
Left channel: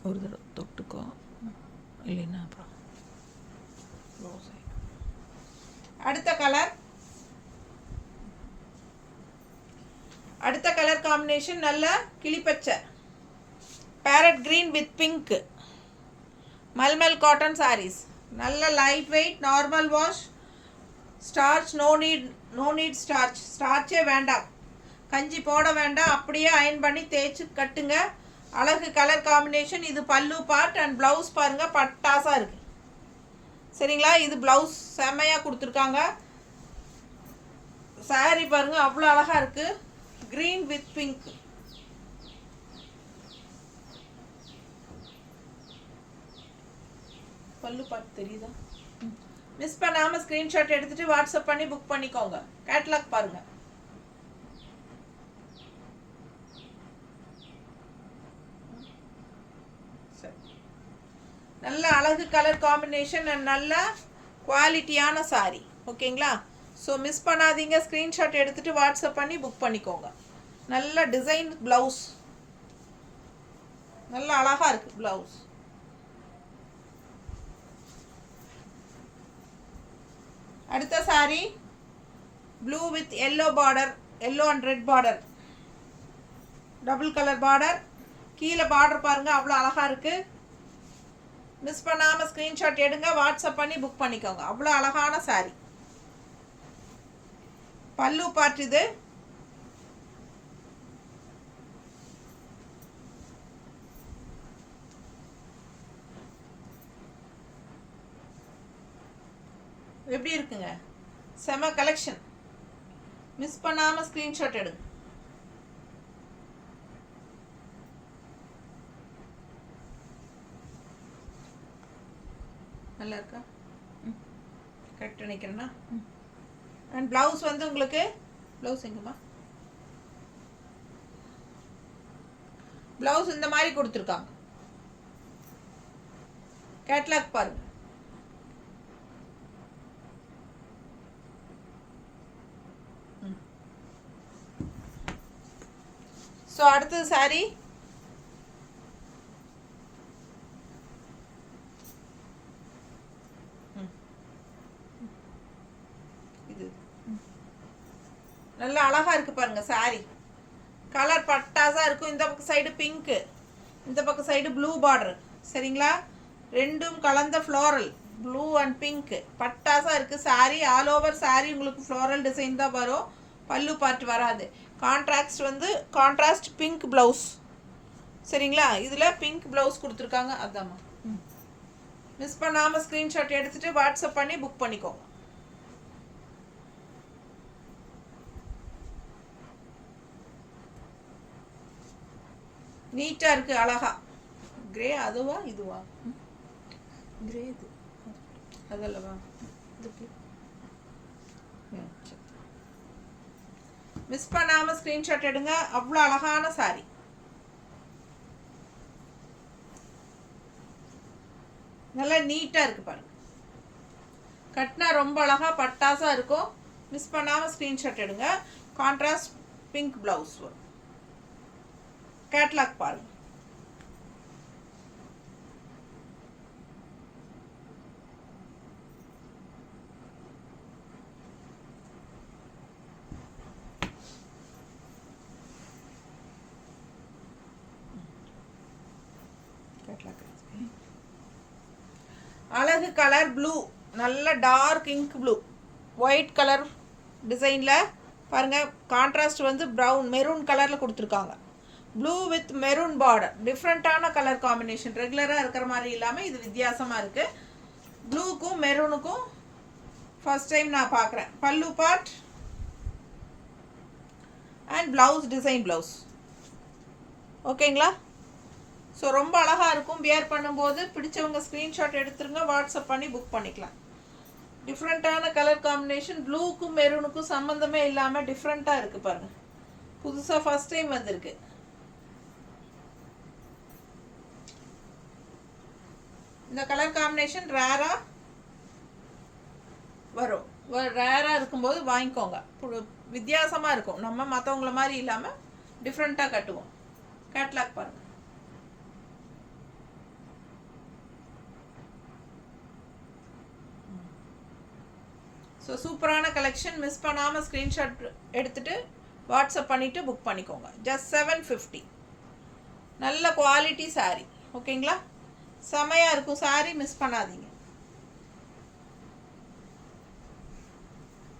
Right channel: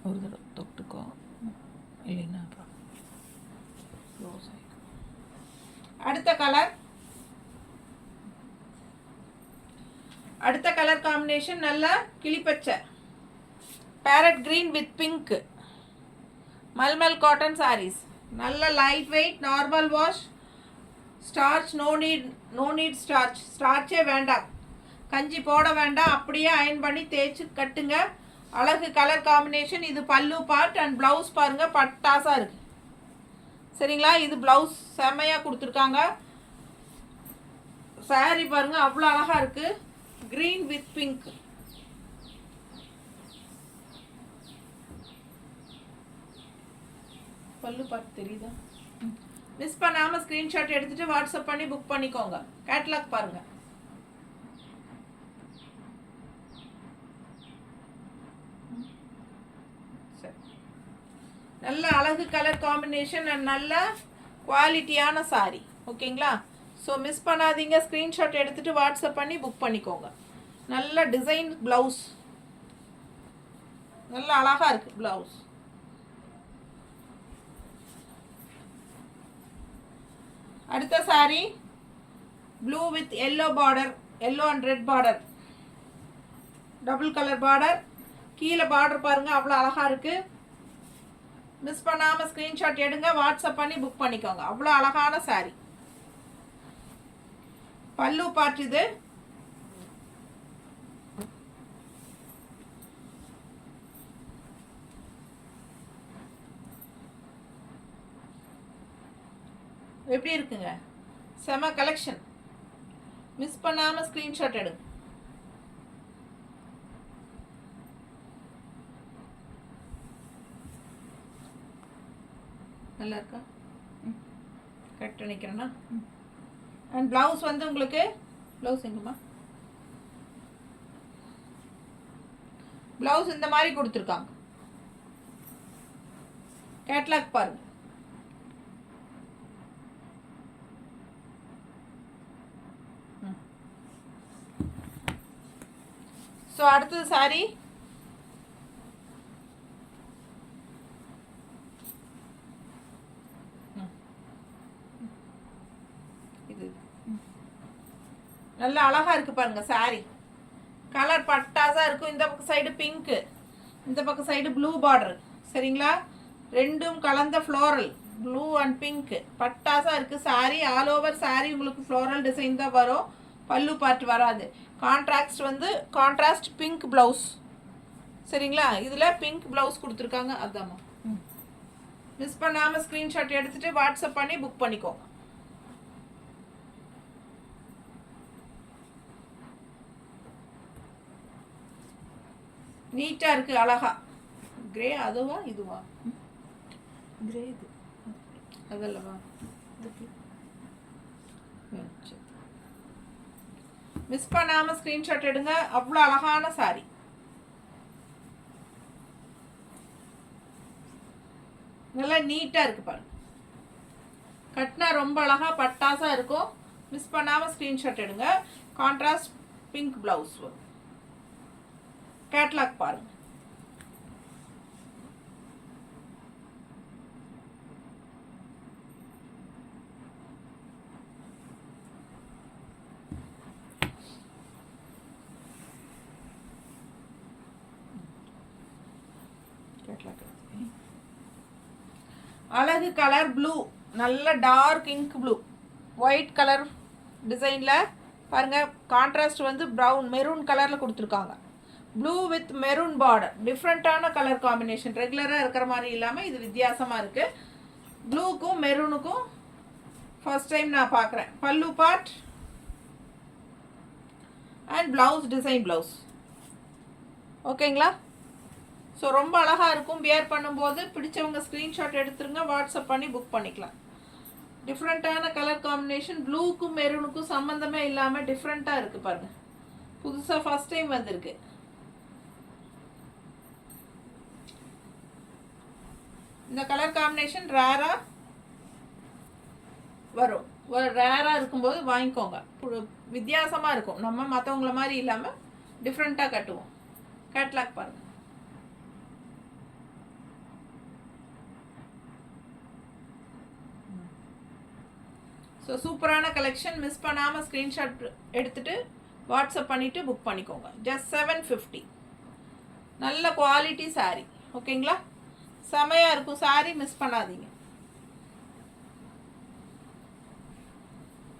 ஒரு தடவை தொட்டுக்கோ, இல்லைன்னா அப்புறம் க்ளோஸ் ஆகிக்கும். அடுத்த கலர் காம்பினேஷன் நல்ல கிளிப்பச்சை, parrot green with pink, mulmul cotton saris. நல்ல light weight, normal wash, starch no need ஸ்டார்ச்சே வேண்டாம், கஞ்சி போட வேண்டாம், அப்படியே அயன் பண்ணி தேய்ச்சி கட்டுங்க. அழகு கலர் காம்பினேஷன். இது பல்லு பார்ட் அண்ட் ப்ளவுஸ் பாருங்கள், பட்டாசாக இருக்குது. சரிங்களா? இது ப்ளவுஸ் செம்மையாக கொடுத்துருக்காங்க. சாரீ பாருங்கள், அவ்வளோ அழகாக இருக்குது. Green with pink. பல்லு பார்ட் தெரியுதா? மிஸ் பண்ணாமல் ஸ்க்ரீன்ஷாட் எடுத்துகிட்டு வாட்ஸ்அப் பண்ணி புக் பண்ணிக்கோங்க. கேட்லாக் பாருங்கள். நல்ல அழகு கலர் காம்பினேஷன் அண்ட் நல்ல குவாலிட்டியான சாரீ. ஓகேங்களா? ஸோ மிஸ் பண்ணாதீங்க. ஸ்க்ரீன்ஷாட் எடுத்துகிட்டு வாட்ஸ்அப் பண்ணி புக் பண்ணிக்கோங்க. நல்ல டிசைன் ப்ளவுஸ், நல்ல அழகாக இருக்குது ப்ளவுஸ். அடுத்த sari blue with yellow border, yellow and red border, double colour border. கீழே பார்டர் பாருங்கள், அவ்வளோ அழகாக இருக்குது. மிஸ் பண்ணாமல் ஸ்க்ரீன்ஷாட் எடுங்க, வாட்ஸ்அப் பண்ணி புக் பண்ணிக்கோங்க. அவ்வளோ அழகான சாரீ. பல்லு பார்ட் இது. எப்படி இருக்குங்க? செம கலெக்ஷன். மிஸ் பண்ணாமல் ஸ்க்ரீன்ஷாட் எடுங்க. நல்லா இருக்கா? கட் பண்ணிக்கிறேன்னா. அண்ட் ப்ளவுஸ் வந்து உங்களுக்கு, ப்ளவுஸ் எங்கம்மா? ப்ளவுஸ் இந்த மாதிரி கொடுத்துருக்காங்க. கேட்லாக் பாருங்க. ஸோ அடுத்தது சாரி இது நல்லா அழகா இருக்கு பாருங்க. சாரி கலர் பட்டாசா இருக்கும். இந்த பக்கம் சைடு பிங்க், இந்த பக்கம் சைடு ப்ளூ பார்டர். சரிங்களா? ரெண்டும் கலந்த ஃப்ளோரல், ப்ளூ அண்ட் பிங்க் பட்டாசா இருக்கு. சாரி ஆல் ஓவர் சாரி உங்களுக்கு ஃப்ளோரல் டிசைன் தான் வரும். பல்லு பார்ட் வராது. கான்ட்ராஸ்ட் வந்து கான்ட்ராஸ்ட் பிங்க் ப்ளவுஸ். சரிங்களா? இதில் பிங்க் ப்ளவுஸ் கொடுத்துருக்காங்க. அதாம்மா. மிஸ் பண்ணாமல் ஸ்க்ரீன்ஷாட் எடுத்துகிட்டு வாட்ஸ்அப் பண்ணி புக் பண்ணிக்கோங்க. நீட்டாக இருக்குது, அழகா. கிரே அதுவா இதுவா? கிரே இது அதல்லவா? இது மிஸ் பண்ணாமல் ஸ்க்ரீன்ஷாட் எடுங்க. அவ்வளோ அழகான சாரி. நல்லா நீட்டாக இருக்குது பாருங்க. கட்டினா ரொம்ப அழகாக பட்டாசாக இருக்கும். மிஸ் பண்ணாமல் ஸ்க்ரீன்ஷாட் எடுங்க. கான்ட்ராஸ்ட் பிங்க் ப்ளவுஸ் வரும். கேட்லாக் பாருங்க. அழகு கலர் ப்ளூ, நல்ல dark ink blue, white colour டிசைனில் பாருங்கள். கான்ட்ராஸ்ட் வந்து ப்ரௌன் மெரூன் கலரில் கொடுத்துருக்காங்க. Blue with maroon border. டிஃப்ரெண்ட்டான கலர் காம்பினேஷன். ரெகுலராக இருக்கிற மாதிரி இல்லாமல் இது வித்தியாசமாக இருக்குது. ப்ளூக்கும் மெரூனுக்கும் ஃபர்ஸ்ட் டைம் நான் பார்க்குறேன். பல்லு part and blouse design blouse. ஓகேங்களா? ஸோ ரொம்ப அழகாக இருக்கும். வியர் பண்ணும்போது பிடிச்சவங்க ஸ்க்ரீன்ஷாட் எடுத்துருங்க, வாட்ஸ்அப் பண்ணி புக் பண்ணிக்கலாம். டிஃப்ரெண்ட்டான கலர் காம்பினேஷன். ப்ளூக்கும் மெரூனுக்கும் சம்மந்தமே இல்லாமல் டிஃப்ரெண்ட்டாக இருக்குது பாருங்கள். புதுசாக ஃபர்ஸ்ட் டைம் வந்திருக்கு. இந்த கலர் காம்பினேஷன் ரேராக வரும். ரேராக இருக்கும்போது வாங்கிக்கோங்க. வித்தியாசமாக இருக்கும். நம்ம மற்றவங்கள மாதிரி இல்லாமல் டிஃப்ரெண்ட்டாக கட்டுவோம். கேட்லாக் பாருங்கள். ஸோ சூப்பரான கலெக்ஷன். மிஸ் பண்ணாமல் ஸ்க்ரீன்ஷாட் எடுத்துகிட்டு வாட்ஸ்அப் பண்ணிவிட்டு புக் பண்ணிக்கோங்க. ஜஸ்ட் 750. நல்ல குவாலிட்டி சாரீ. ஓகேங்களா? செமையாக இருக்கும் சாரீ, மிஸ் பண்ணாதீங்க.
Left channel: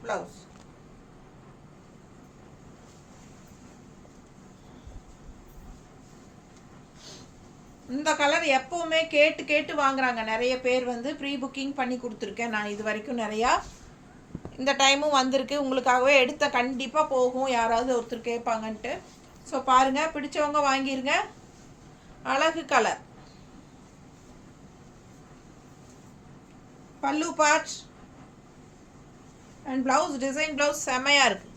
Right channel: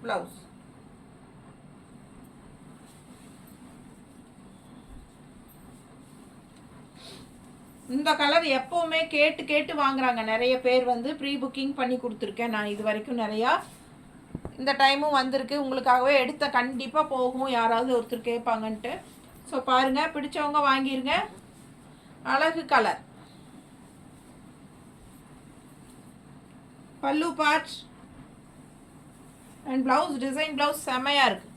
ப்ளவுஸ் இந்த கலர் எப்போவுமே கேட்டு கேட்டு வாங்குறாங்க நிறைய பேர். வந்து ப்ரீ புக்கிங் பண்ணி கொடுத்துருக்கேன் நான் இது வரைக்கும் நிறையா. இந்த டைமும் வந்திருக்கு. உங்களுக்காகவே எடுத்த கண்டிப்பாக போகும், யாராவது ஒருத்தர் கேட்பாங்கன்ட்டு. ஸோ பாருங்கள், பிடிச்சவங்க வாங்கிருங்க. அழகு கலர். பல்லு part and blouse. Design blouse செமையாக இருக்குது.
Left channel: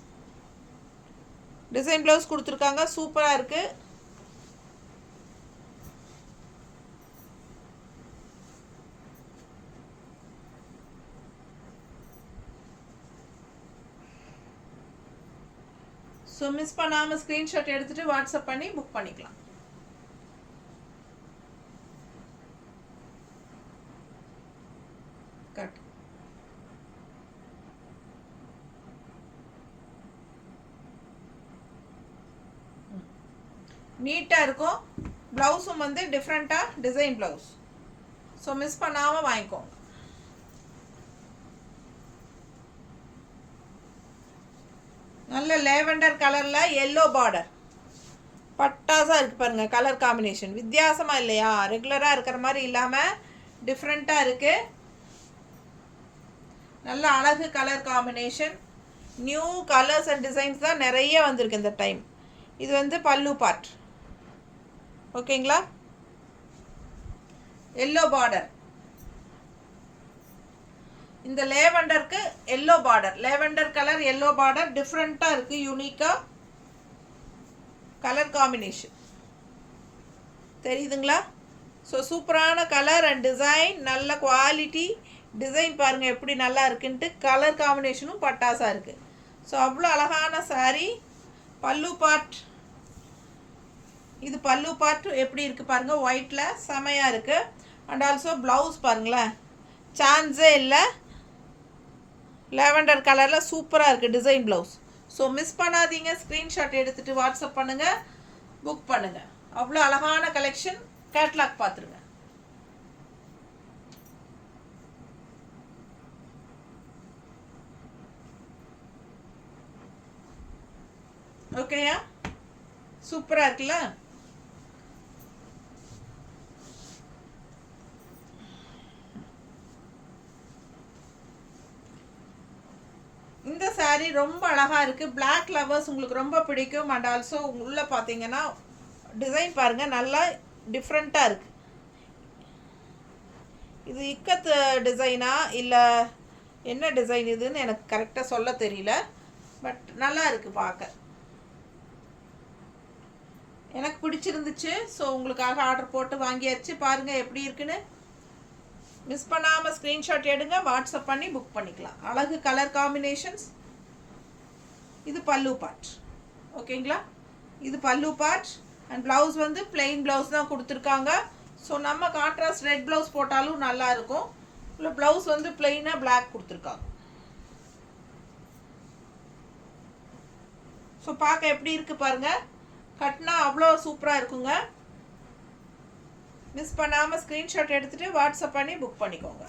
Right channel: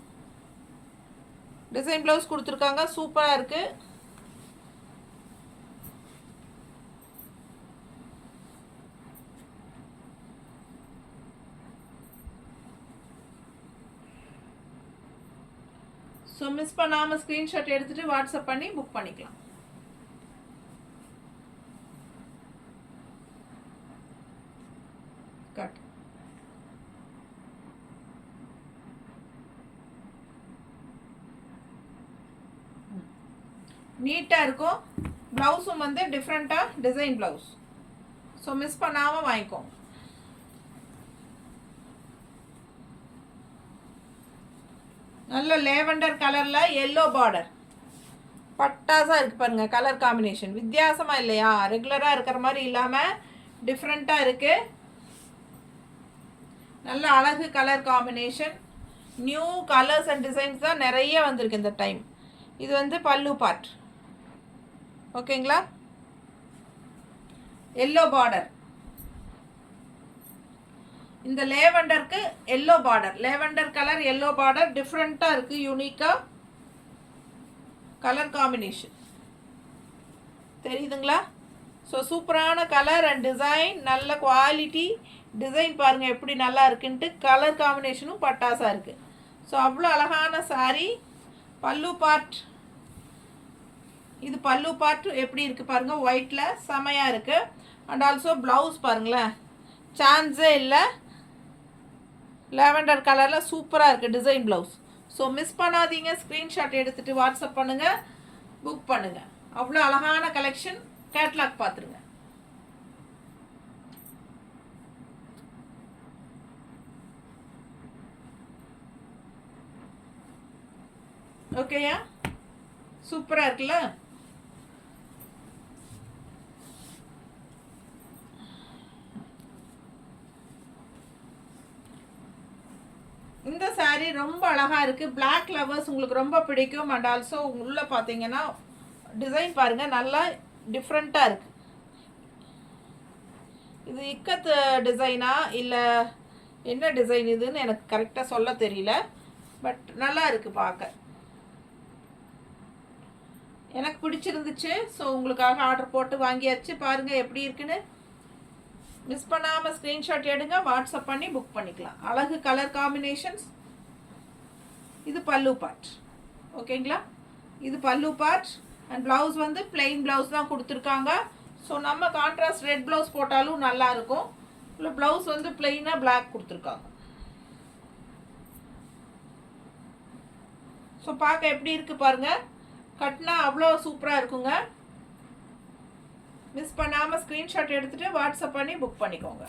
டிசைன் ப்ளவுஸ் கொடுத்துருக்காங்க, சூப்பராக இருக்குது. ஸோ மிஸ் பண்ணாமல் ஸ்க்ரீன்ஷாட் எடுத்துகிட்டு வாட்ஸ்அப் பண்ணி புக் பண்ணிக்கலாம். கட். நீட்டாக இருக்கும். ப்ளவுஸும் வந்து டிஃப்ரெண்ட்டாக டிசைன் ப்ளவுஸ். ஸோ மிஸ் பண்ணாமல் வாங்கிக்கோங்க. நல்ல லேவெண்டர் கலரில் எல்லோ பார்டர். பட்டாசாக இருக்குது பாருங்கள். கலர் காம்பினேஷன் வித்தியாசமாக இல்லையா? ரெகுலராக இருக்கிற மாதிரி இல்லாமல் டிஃப்ரெண்ட்டாக இருக்குது. நல்ல அழகு colour combination. New colours and designs தான் நிறைய வந்திருக்கு இந்த டைம். இது வந்து பல்லு பார்ட். ஓகேங்களா? Yellow border. இந்த லேவெண்டருக்கு yellow border. Lavender colour yellow border டிஃப்ரெண்ட்டாக இருக்குது. யூனிக்காக கலர் காம்பினேஷன் தெரியுதுங்களா? ஸோ சூப்பரான கலர் அண்ட் டிசைன். நல்ல குவாலிட்டி டிசைன் பாருங்கள் எப்படி நல்லா இருக்குன்ட்டு. கலர் காம்பினேஷனும் பட்டாசாக இருக்குது. ஸோ அவ்வளோ அழகான சாரீ. பல்லு பார்ட். இது பல்லு பார்ட் எப்படி இருக்குது பாருங்கள். ஒயிட்டில் செமையாக இருக்குது. அண்ட் ஆல்சோ ப்ளவுஸ் பாருங்களேன், சான்ஸே இல்லை. லேவெண்டர் கலரில் சூப்பராக இருக்குது டிசைன் ப்ளவுஸ். ஸோ மிஸ் பண்ணாதீங்க. ஸ்க்ரீன்ஷாட் எடுத்துகிட்டு வாட்ஸ்அப் பண்ணுங்கள், புக் பண்ணுங்கள். அவ்வளோ அழகான கலெக்ஷன். கேட்லாக் பார்த்துருங்க. ஓகேயா? சூப்பராக இருக்குல்ல? இந்த சாரீ ரொம்ப அழகாக இருக்குது. பிளாக் லவர்ஸ் உங்களுக்கு ரொம்ப பிடிக்கும். அண்ட் ஆல்சோ உள்ளே பார்த்தீங்கன்னா டிசைன் பாருங்கள், நல்லா டிஃப்ரெண்ட்டாக இருக்குது. இது இக்கத்து டிசைனா இல்லை என்ன டிசைன் இதுன்னு எனக்கு கரெக்டாக சொல்ல தெரியல. பட் நல்லா இருக்குது பார்க்க. எனக்கு பிடிச்சிருந்துச்சு. ஸோ உங்களுக்காக ஆர்டர் போட்டு வாங்கியாச்சு. பாருங்கள் எப்படி இருக்குன்னு. மிஸ் பண்ணாமல் ஸ்க்ரீன்ஷாட் எடுங்க, வாட்ஸ்அப் பண்ணி புக் பண்ணிக்கலாம். அழகு கலர் காம்பினேஷன்ஸ். இது பல்லு பார்ட். ஓகேங்களா? இது பல்லு பார்ட். அண்ட் ப்ளவுஸ் வந்து பிளெயின் ப்ளவுஸ் தான் கொடுத்துருக்காங்க. ஸோ நம்ம கான்ட்ராஸ்ட் ரெட் ப்ளவுஸ் போட்டாலும் நல்லாயிருக்கும். இல்லை ப்ளவுஸ் வந்து பிளெயினாக பிளாக் கொடுத்துருக்காங்க. ஸோ பார்க்க எப்படி இருக்குது பாருங்கள். கட்டினா அவ்வளோ சூப்பராக இருக்குங்க. மிஸ் பண்ணாமல் ஸ்க்ரீன்ஷாட் எடுத்துகிட்டு வாட்ஸ்அப் பண்ணி புக் பண்ணிக்கோங்க.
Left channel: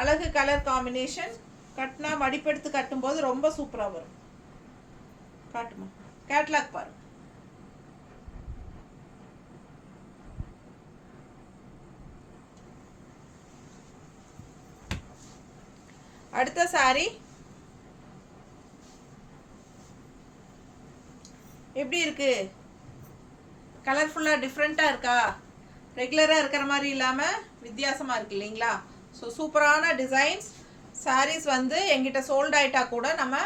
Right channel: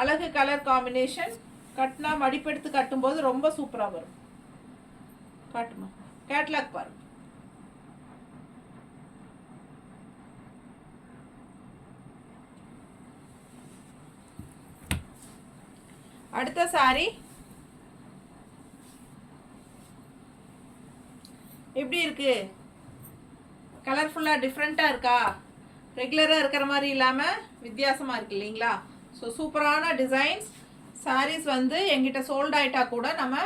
அழகு கலர் காம்பினேஷன். கட்டினா மடிப்பெடுத்து கட்டும்போது ரொம்ப சூப்பராக வரும். காட்டுமா? கேட்லாக் பாருங்க. அடுத்த சாரி எப்படி இருக்கு? கலர்ஃபுல்லாக டிஃப்ரெண்ட்டாக இருக்கா? ரெகுலராக இருக்கிற மாதிரி இல்லாமல் வித்தியாசமாக இருக்குது இல்லைங்களா? ஸோ சூப்பரான டிசைன்ஸ். சாரீஸ் வந்து எங்கிட்ட சோல்ட் ஆகிட்டா கூட நம்ம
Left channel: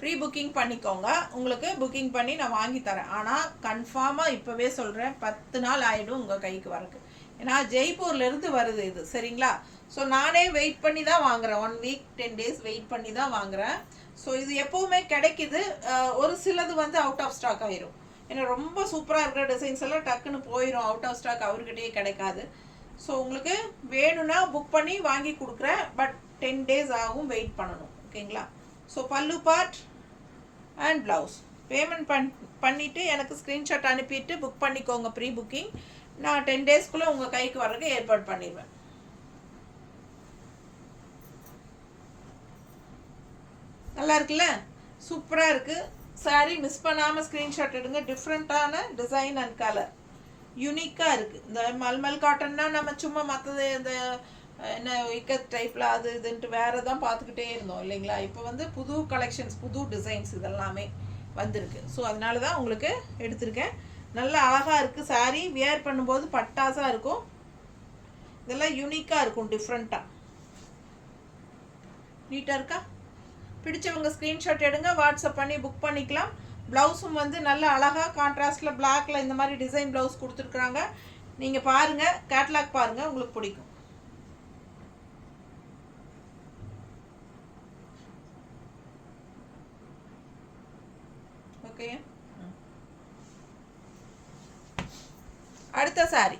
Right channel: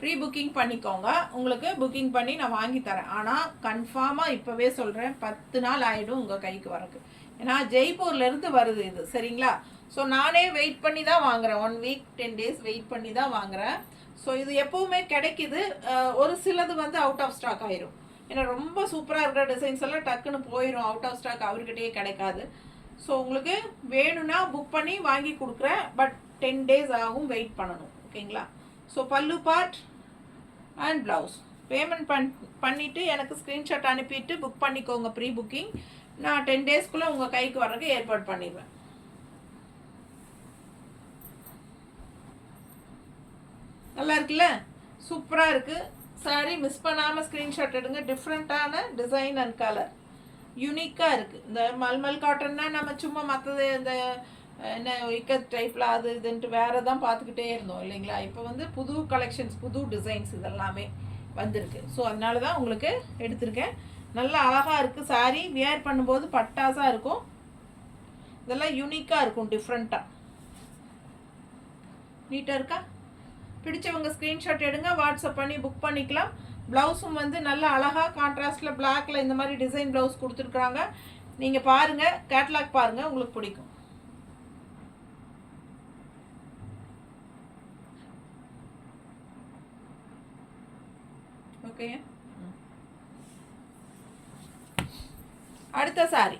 ப்ரீ புக்கிங் பண்ணிக்கோங்க. உங்களுக்கு புக்கிங் பண்ணி நான் வாங்கி தரேன். ஆனால் கன்ஃபார்மாக இப்போவே சொல்கிறேன், 10 நாள் ஆகிடும் உங்கள் கைக்கு வரக்கு. ஏன்னா ஜெய்ப்பூர்லேருந்து வருது இது, சரிங்களா? ஸோ நானே வெயிட் பண்ணி தான் வாங்குகிறேன், 1 வீக் 10 days வெயிட் பண்ணி தான் வாங்குகிறேன். ஸோ இது எப்போவுமே கிடைக்குது. ஒரு சிலது வந்து அவுட் ஆஃப் ஸ்டாக் ஆயிரும். ஏன்னா ரொம்ப சூப்பராக இருக்கிற டிசைன்ஸ் எல்லாம் டக்குன்னு போயிடும், அவுட் ஆஃப் ஸ்டாக் அவர்கிட்டயே கிடைக்காது. ஸோ உங்களுக்கு வேணும்னா புக் பண்ணி வாங்கி கொடுக்குறேன், பட் 10 days ஆகும், வெயிட் பண்ணணும். ஓகேங்களா? ஸோ பல்லு பார்ட் அண்ட் ப்ளவுஸ் பேமெண்ட் பண்ணிவிட்டு எனக்கு ஸ்க்ரீன்ஷாட் அனுப்பிட்டு புக் பண்ணிக்கோங்க, ப்ரீ புக்கிங். நான் 10 daysக்குள்ளே உங்கள் கைக்கு வர்றதுக்கு ஏற்பாடு பண்ணிடுவேன். நல்லா இருக்குல்ல? சூப்பராக இருக்குது சாரீ. மிஸ் பண்ணாமல் ஸ்க்ரீன்ஷாட் எடுங்க. டிஃப்ரெண்ட்டான டிசைன் அண்ட் கலர் யூனிக்காக இருக்குது. இந்த மல்மல் காட்டன்னா நம்ம சும்மா மற்றது இந்த என்ன இக்கத் டைப்பில் அது இதுன்ட்டு வேறு தான் பார்த்துக்கிட்டே இருந்தோம் இல்லைங்களா? இப்போ வந்து புது கலெக்ஷன்ஸ், புது டிசைன்ஸ் இதெல்லாமே வந்திருக்கு. ஸோ அதனால தான் உங்களுக்கு எடுத்திருக்கேன். நல்லா அழகாக இருக்குது சாரீ. வியர் பண்ணும்போது பட்டாசாக இருக்கும். இதெல்லாம் யூனிக்காக இருக்கும், டிஃப்ரெண்ட்டாக நீட்டாக இருக்கா? பிடிச்சவங்க ஸ்க்ரீன்ஷாட் எடுங்க, வாட்ஸ்அப் பண்ணி புக் பண்ணிக்கலாம். ப்ளவுஸும் வந்து நல்லா அழகாக கான்ட்ராஸ்டில் பிளாக்கில் இந்த மாதிரி டிசைன் ப்ளவுஸ் கொடுத்துருக்குறாங்க. நீங்கள் பாருங்கள், கேட்லாக் பாருங்கள், உங்களுக்கு பிடிக்கும். ஓகே, அடுத்த சாரி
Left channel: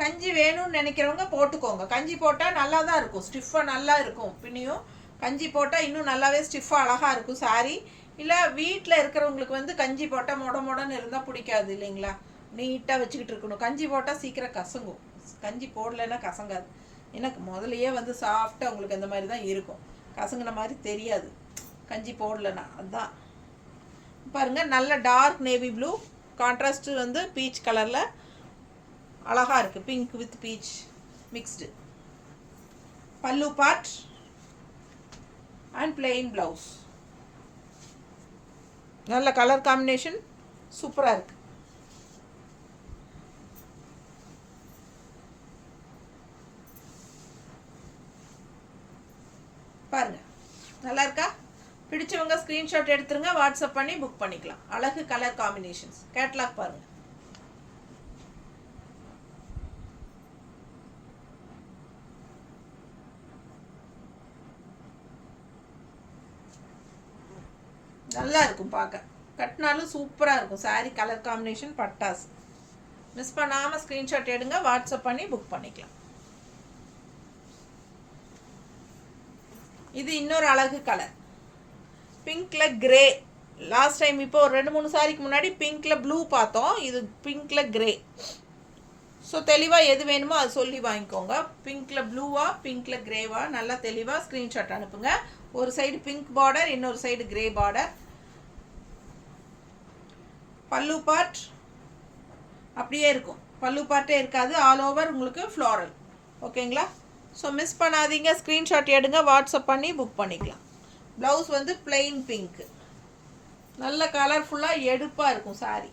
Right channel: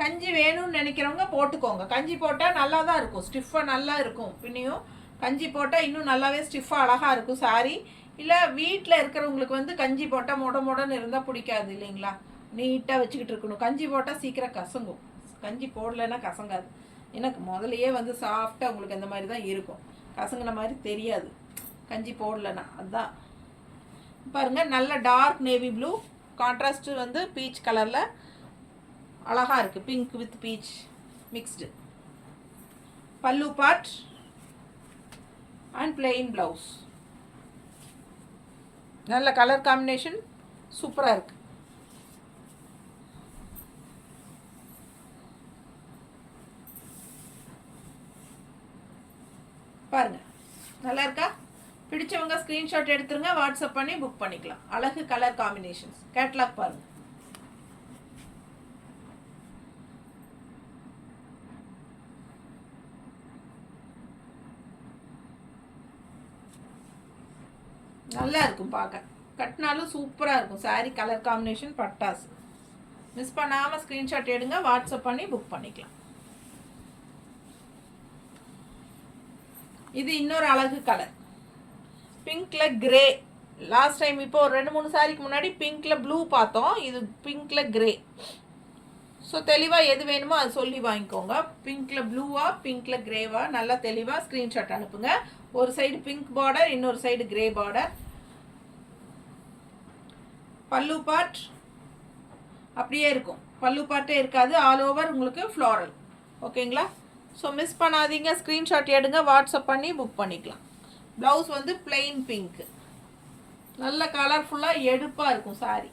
கஞ்சி வேணும்னு நினைக்கிறவங்க போட்டுக்கோங்க. கஞ்சி போட்டால் நல்லா தான் இருக்கும், ஸ்டிஃபாக நல்லா இருக்கும். பின்னையும் கஞ்சி போட்டால் இன்னும் நல்லாவே ஸ்டிஃபாக அழகாக இருக்கும் சாரி. இல்லை வீட்டில் இருக்கிறவங்களுக்கு வந்து கஞ்சி போட்டால் மொடன்னு இருந்தால் பிடிக்காது இல்லைங்களா? நீட்டாக வச்சுக்கிட்டு இருக்கணும். கஞ்சி போட்டால் சீக்கிரம் கசங்கும், கஞ்சி போடலைன்னா கசங்காது. எனக்கு முதலையே வந்து சாஃப்டாக உங்களுக்கு அந்த மாதிரி தான் இருக்கும், கசங்கின மாதிரி தெரியாது கஞ்சி போடலைன்னா. அதுதான் பாருங்கள், நல்ல டார்க் நேவி ப்ளூ கான்ட்ராஸ்ட்டு வந்து பீச் கலரில் அழகாக இருக்குது, பிங்க் வித் பீச் மிக்ஸ்டு. பல்லு பார்ட் அண்ட் பிளெயின் ப்ளவுஸ். நல்ல கலர் காம்பினேஷன், சூப்பராக இருக்குது. பாருங்கள், நல்லா இருக்கா? பிடிச்சவங்க ஸ்க்ரீன்ஷாட் எடுத்துருங்க, வாட்ஸ்அப் பண்ணி புக் பண்ணிக்கலாம். அழகு கலர் காம்பினேஷன்ஸ். கேட்லாக் பாருங்கள். நல்லா இருக்கும் பார்க்க, கட்டினாலும் சூப்பராக இருக்கும் சாரீ. கலர் காம்பினேஷன் பட்டாசு. மிஸ் பண்ணாமல் ஸ்க்ரீன்ஷாட் எடுங்க, வாட்ஸ்அப் பண்ணி புக் பண்ணிக்கலாம். இது இன்னொரு அழகு கலர், பிங்க்கில் கிரே. லாஸ்ட் டைம் இப்போ ஒரு 2-3 சாரிக்கு முன்னாடி பிங்க்கில் ப்ளூ பார்த்தோம், இது பிங்க்கில் கிரே. ஸோ தெளிவாக எது வேணுமோ அது சொல்லி வாங்கிக்கோங்க. பிங்க்கில் ப்ளூவா பிங்க்கில் கிரேவா நல்லா தெளிவாக ஸ்க்ரீன்ஷாட் அனுப்புங்க. ஒரு சைடு பிங்க் பார்டர், இன்னொரு சைடு கிரே பார்டர். பல்லு பார்ட் அப்படியே இருக்கும், பல்லு பார்ட்டே இருக்காது, ஆல் ஓவர் உங்களுக்கு ஃப்ளாரல். ஓகேங்களா? ஸோ மிஸ் பண்ணாதீங்க, ஸ்க்ரீன்ஷாட் எடுங்க, வாட்ஸ்அப் பண்ணி புக் பண்ணிக்கலாம். ப்ளவுஸ் வந்து பிளெயின் பிங்க்கு, நல்ல கலர்ஃபுல்லாக எடுப்பாக இருக்கும் சாரி.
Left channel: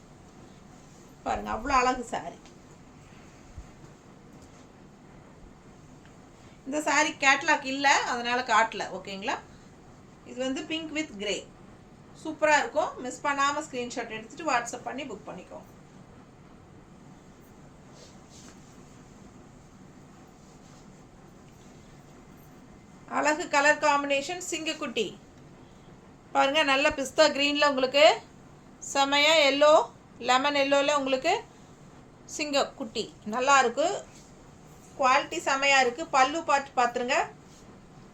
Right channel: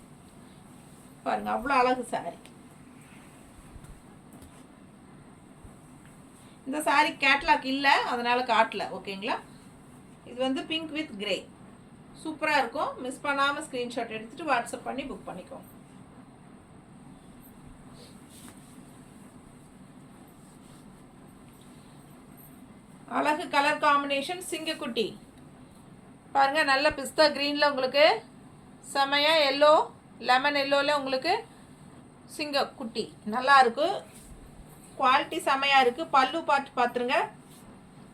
பாருங்கள், அவ்வளோ அழகு சாரி. இந்த சாரி கேட்லாக் இல்லை, அதனால் காட்டல. ஓகேங்களா? இது வந்து பிங்க் வித் கிரே, சூப்பராக இருக்கும். மிஸ் பண்ணாமல் ஸ்க்ரீன்ஷாட் எடுத்துகிட்டு வாட்ஸ்அப் பண்ணி புக் பண்ணிக்கோ. அழகு கலர் காம்பினேஷன் சிங்கக்குட்டி. பாருங்கள், நல்ல பிஸ்தா க்ரீனில் உங்களுக்கு செமையாக எல்லோ, லெமன் எல்லோவில் உங்களுக்கு சிங்கக்குட்டி நல்லா இருக்குது. குவாலிட்டி செமையாக இருக்குது. பல்லு பார்த்து பார்த்துருங்க,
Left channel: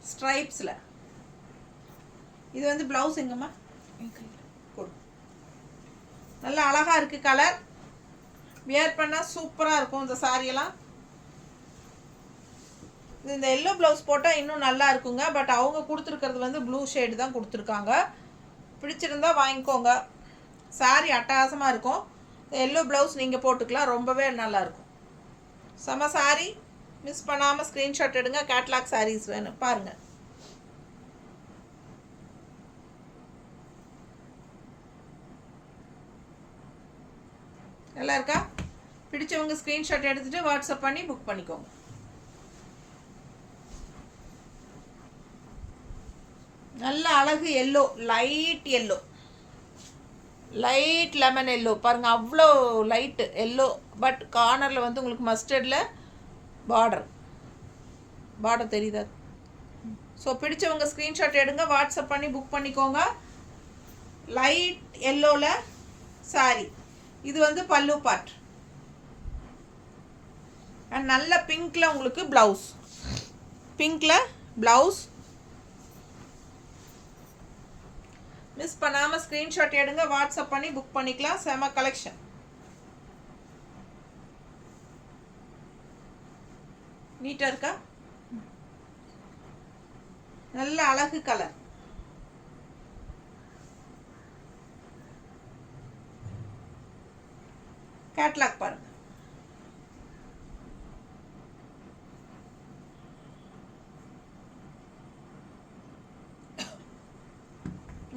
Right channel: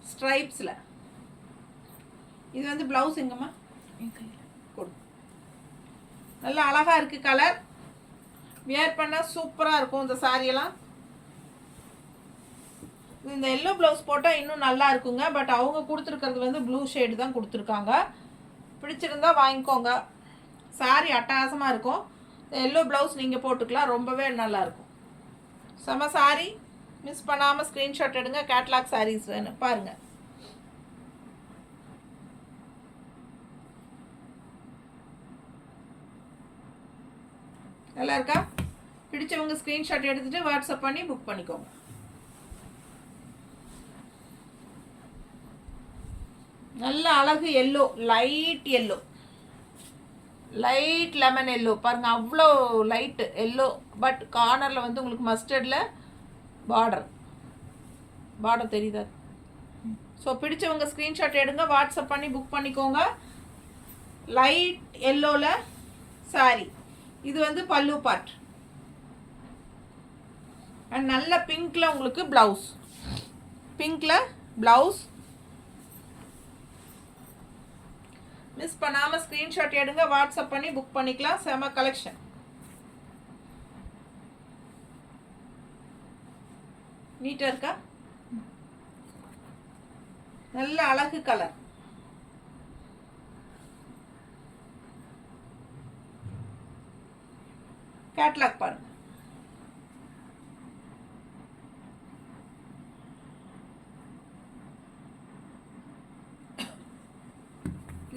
ஸ்ட்ரைப்ஸில். இது வந்து ப்ளவுஸ் எங்கம்மா கொடு. நல்லா அழகாக இருக்குது கலர். வியர் பண்ணால் சூப்பராக இருக்கும் இந்த சாரியெல்லாம். இந்த எல்லோ ப்ளவுஸ் போட்டால் இன்னும் நல்லா இருக்குங்க. பட் அவங்க கொடுத்துருக்கிறது வந்து ப்ளூ ஷேடு தான் கொடுத்துருக்காங்க. பிடிச்சிருந்தா வாங்கிக்கோங்க. சாரி அட்டகாசமாக இருக்கும். எல்லோ ப்ளவுஸ் நீங்கள் போட்டுக்கலாம், ரொம்பவே நல்லாயிருக்கும். செம சாரி. மிஸ் பண்ணாமல் ஸ்க்ரீன்ஷாட் எடுங்க. கேட்லாக் சாரீஸ் வேணும் பாருங்கள். நல்லா இருக்கா? பிடிச்சவங்க ஸ்க்ரீன்ஷாட் எடுத்துகிட்டு வாட்ஸ்அப் பண்ணி புக் பண்ணிக்கோங்க. நல்ல அழகு yellow, light yellow, light lemon yellow பாருங்கள், அவ்வளோ லைட்டு எல்லோ. பட் கார்னரில் வந்து உங்களுக்கு மஸ்டர்டில் பார்டர் தெரியுதா? ஸோ பிடிச்சவங்க ஸ்க்ரீன்ஷாட் எடுங்க, வாட்ஸ்அப் பண்ணி புக் பண்ணிக்கோங்க. லைட் எல்லோவில் சாரி. இது வந்து பல்லு பார்ட். அண்ட் நல்ல பிங்க்கில் உங்களுக்கு ப்ளவுஸ். பிங்க்கில் ப்ளவுஸ். மிஸ் பண்ணாமல் ஸ்க்ரீன்ஷாட் எடுங்க, வாட்ஸ்அப் பண்ணி புக் பண்ணிக்கலாம். செம கலெக்ஷன். நீட்டாக இருக்கா? நல்ல அழகு கலர். கேட்லாக் பாருங்க.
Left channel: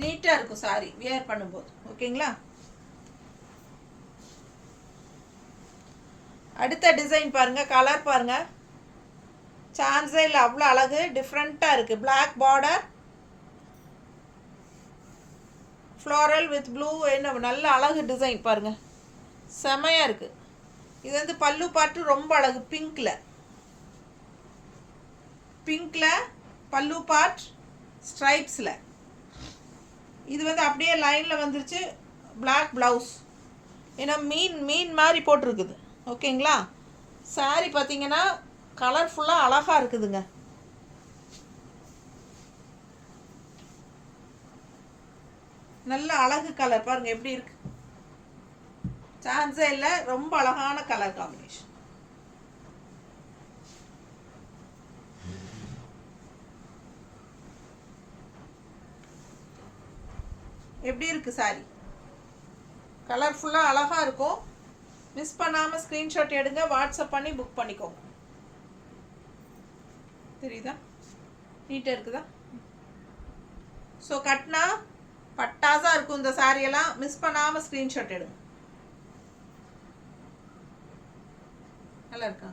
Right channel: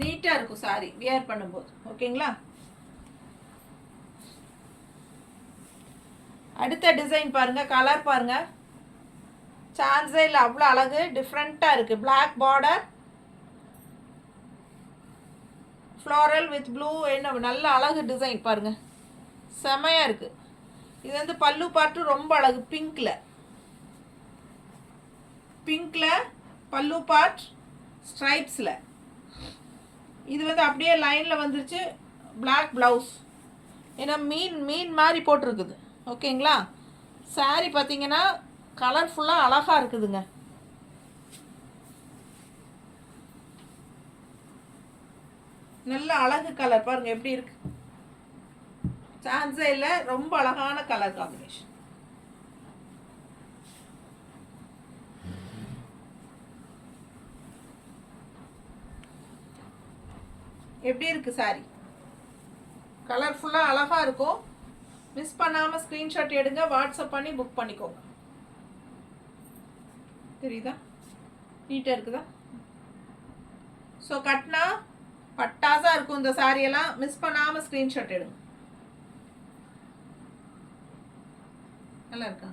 நீட்டாக இருக்கும் சாரி வியர் பண்ணும்போது. ஓகேங்களா? அடுத்த டிசைன் பாருங்க, கலர் பாருங்க, சான்ஸே இல்லை, அவ்வளோ அழகு. டிஃப்ரெண்ட்டாக இருக்குது. Black border, floral with blue. என்ன நல்ல அழகு டிசைன் பாருங்க, செமையாக இருக்குது. இது வந்து பல்லு பார்ட்டு ரொம்ப அழகு. பிங்க்கில் பல்லு பார்ட் ஸ்ட்ரைப்ஸில். இது வந்து அப்படியே லைனில் வந்துருச்சு. Black blouse. ஏன்னா மீன் மாதிரி போட்டிருக்குது. ஓகேங்களா? சாரி பார்த்தீங்கன்னா கலர்ஃபுல்லாக அழகாக இருக்குதுங்க. நல்ல அழகு கலர் பாருங்கள் எப்படி இருக்கு. சான்ஸே இல்லை, ரொம்ப அழகான கலர் காம்பினேஷன். எப்படி இருக்கு சாரி? கலர்ஃபுல்லாக அழகாக இருக்கும். மிஸ் பண்ணாமல் ஸ்க்ரீன்ஷாட் எடுங்க, வாட்ஸ்அப் பண்ணி புக் பண்ணிக்கோங்க. தெரியுதா? நீட்டாக இருக்குதா? ஸோ கட்டினா பட்டாசாக இருக்கும் இந்த சாரியெல்லாம். மிஸ் பண்ணாமல் ஸ்க்ரீன்ஷாட் எடுங்க. நல்லா இருக்கா?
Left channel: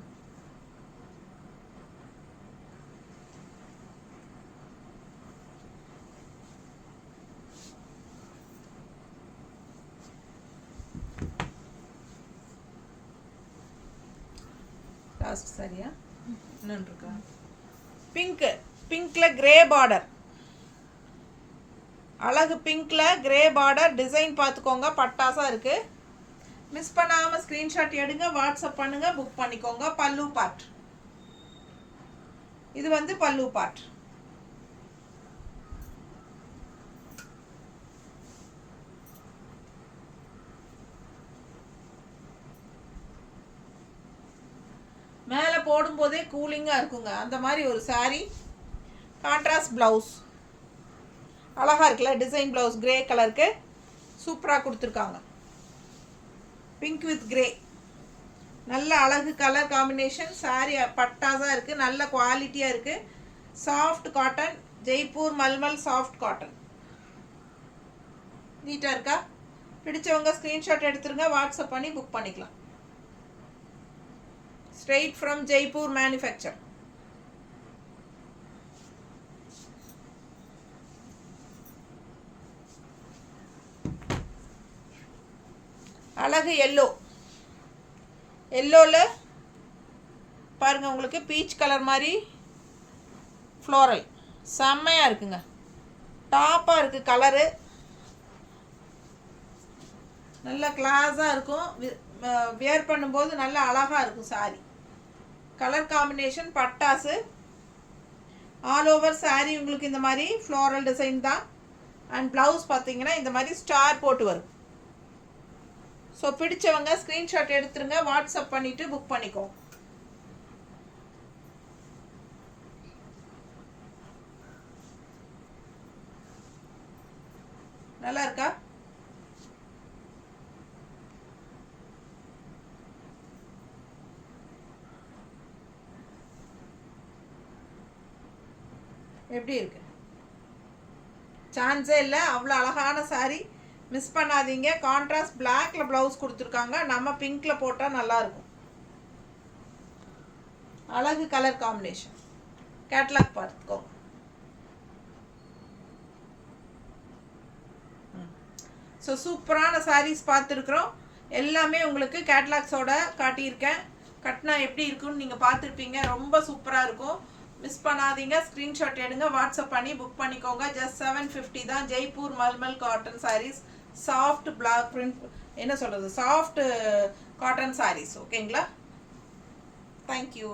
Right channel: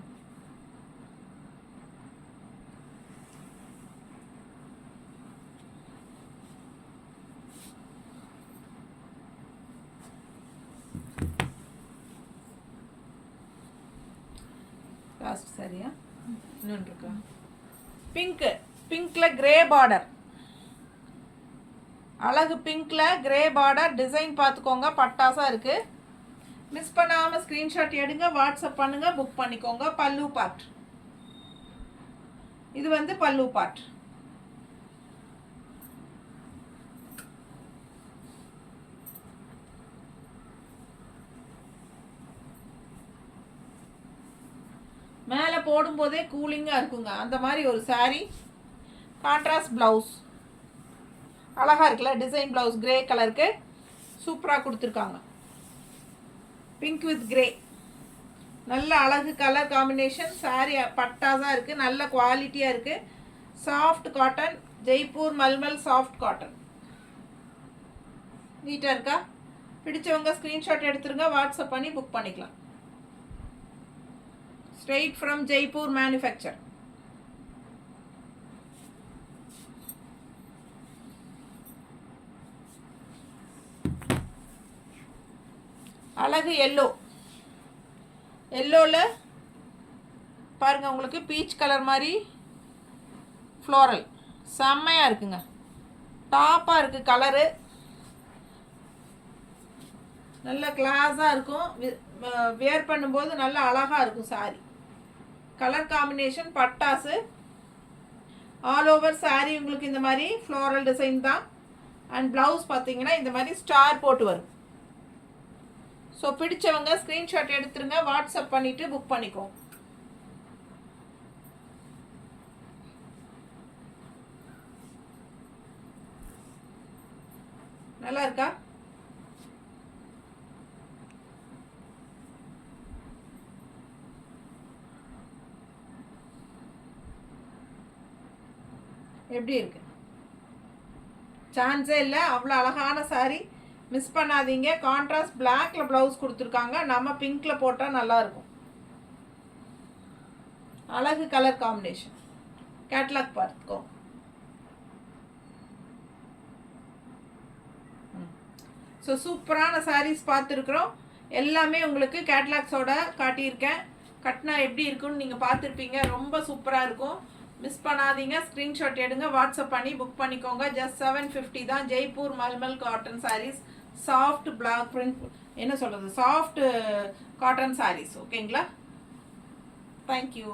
லாஸ்ட் சரியா? இன்னொன்று இருக்கா? பிங்க்கில் கிரே பார்டர். அழகு பிங்க்கில் கிரே பார்டர். டிசைன் பார்த்துக்கோங்க, பட்டாசாக இருக்குது. மிஸ் பண்ணாமல் ஸ்க்ரீன்ஷாட் எடுங்க, வாட்ஸ்அப் பண்ணுங்கள், புக் பண்ணிக்கோங்க. பல்லு பார்ட். இது வந்து பல்லு பார்ட். மேலே போடும்போதே கூலிங்காக இருக்குங்க. அந்த மாதிரி ஒரு சாரீ. Contrast blouse. அழகாக இருக்குல்ல டிசைன் ப்ளவுஸ். கிரே கலருக்கு சூப்பராக கொடுத்துருக்காங்க. Pink with grey. நல்ல அழகு கலர் காம்பினேஷன். சாரீ பட்டாசாக இருக்குது. நல்ல குவாலிட்டியாக இருக்குது. Soft cotton. Jaipur mulmul soft cotton. நீட்டாக இருக்கா? பிடிச்சவங்க ஸ்க்ரீன்ஷாட் எடுத்துருங்க, வாட்ஸ்அப் பண்ணி புக் பண்ணிக்கலாம். Straight from Jaipur manufacture. அழகு எல்லோ. எல்லோவில் பாருங்கள் உங்களுக்கு பீச் கலர் மாதிரி ஃப்ளோரல். செம்மையாக இருக்குங்க. டாப்பாக இருக்குது கலரு. நல்ல கிளாஸாக இருக்கும். வியர் பண்ணும்போது நல்லா அழகாக இருக்கும் சாரி. கலர் காம்பினேஷன் பட்டாசு. ஆல் ஓவர் சாரி உங்களுக்கு இந்த மாதிரி ஃப்ளோரல் டிசைன் தான். அண்ட் ப்ளவுஸ் பார்த்தீங்கன்னா இந்த மாதிரி ஸ்டார் போட்டு வரும். ஸோ பிடிச்சவங்க ஸ்க்ரீன்ஷாட் எடுத்துருங்க, வாட்ஸ்அப் பண்ணிவிட்டு புக் பண்ணிக்கோ. நல்லா இருக்கா? எப்படி இருக்கு? சான்ஸே இல்லை, அவ்வளோ அழகான சாரீ. மிஸ் பண்ணாதீங்க. கான்ட்ராஸ்ட் பிளாக்ல ப்ளவுஸ் கொடுத்துருக்காங்க. நம்ம பிங்க்ல போட்டால் நல்லாயிருக்கும். அழகு கலர் காம்பினேஷன். கேட்லாக் பார்த்துக்கோ. ஸோ சூப்பரான சாரீஸ் பார்த்துருக்குறோம். எல்லாமே உங்களுக்கு கேட்லாக்ஸோட காட்டியிருக்கேன். கட்டினா எப்படி இருக்குன்னு நீங்கள் பார்த்துருப்பீங்க. ரொம்ப சூப்பராக இருக்கும். மிஸ் பண்ணாதீங்க. ஸ்க்ரீன்ஷாட் எடுங்க, வாட்ஸ்அப் பண்ணி புக் பண்ணிக்கோங்க. ஜஸ்ட் 750 தான். ஜெய்ப்பூர் மல்மல் cotton sarees, soft black print, என்ன சொல்கிறது, சாஃப்ட் காட்டன் சாரீஸ். ஓகேங்களா? தேங்க்யூ.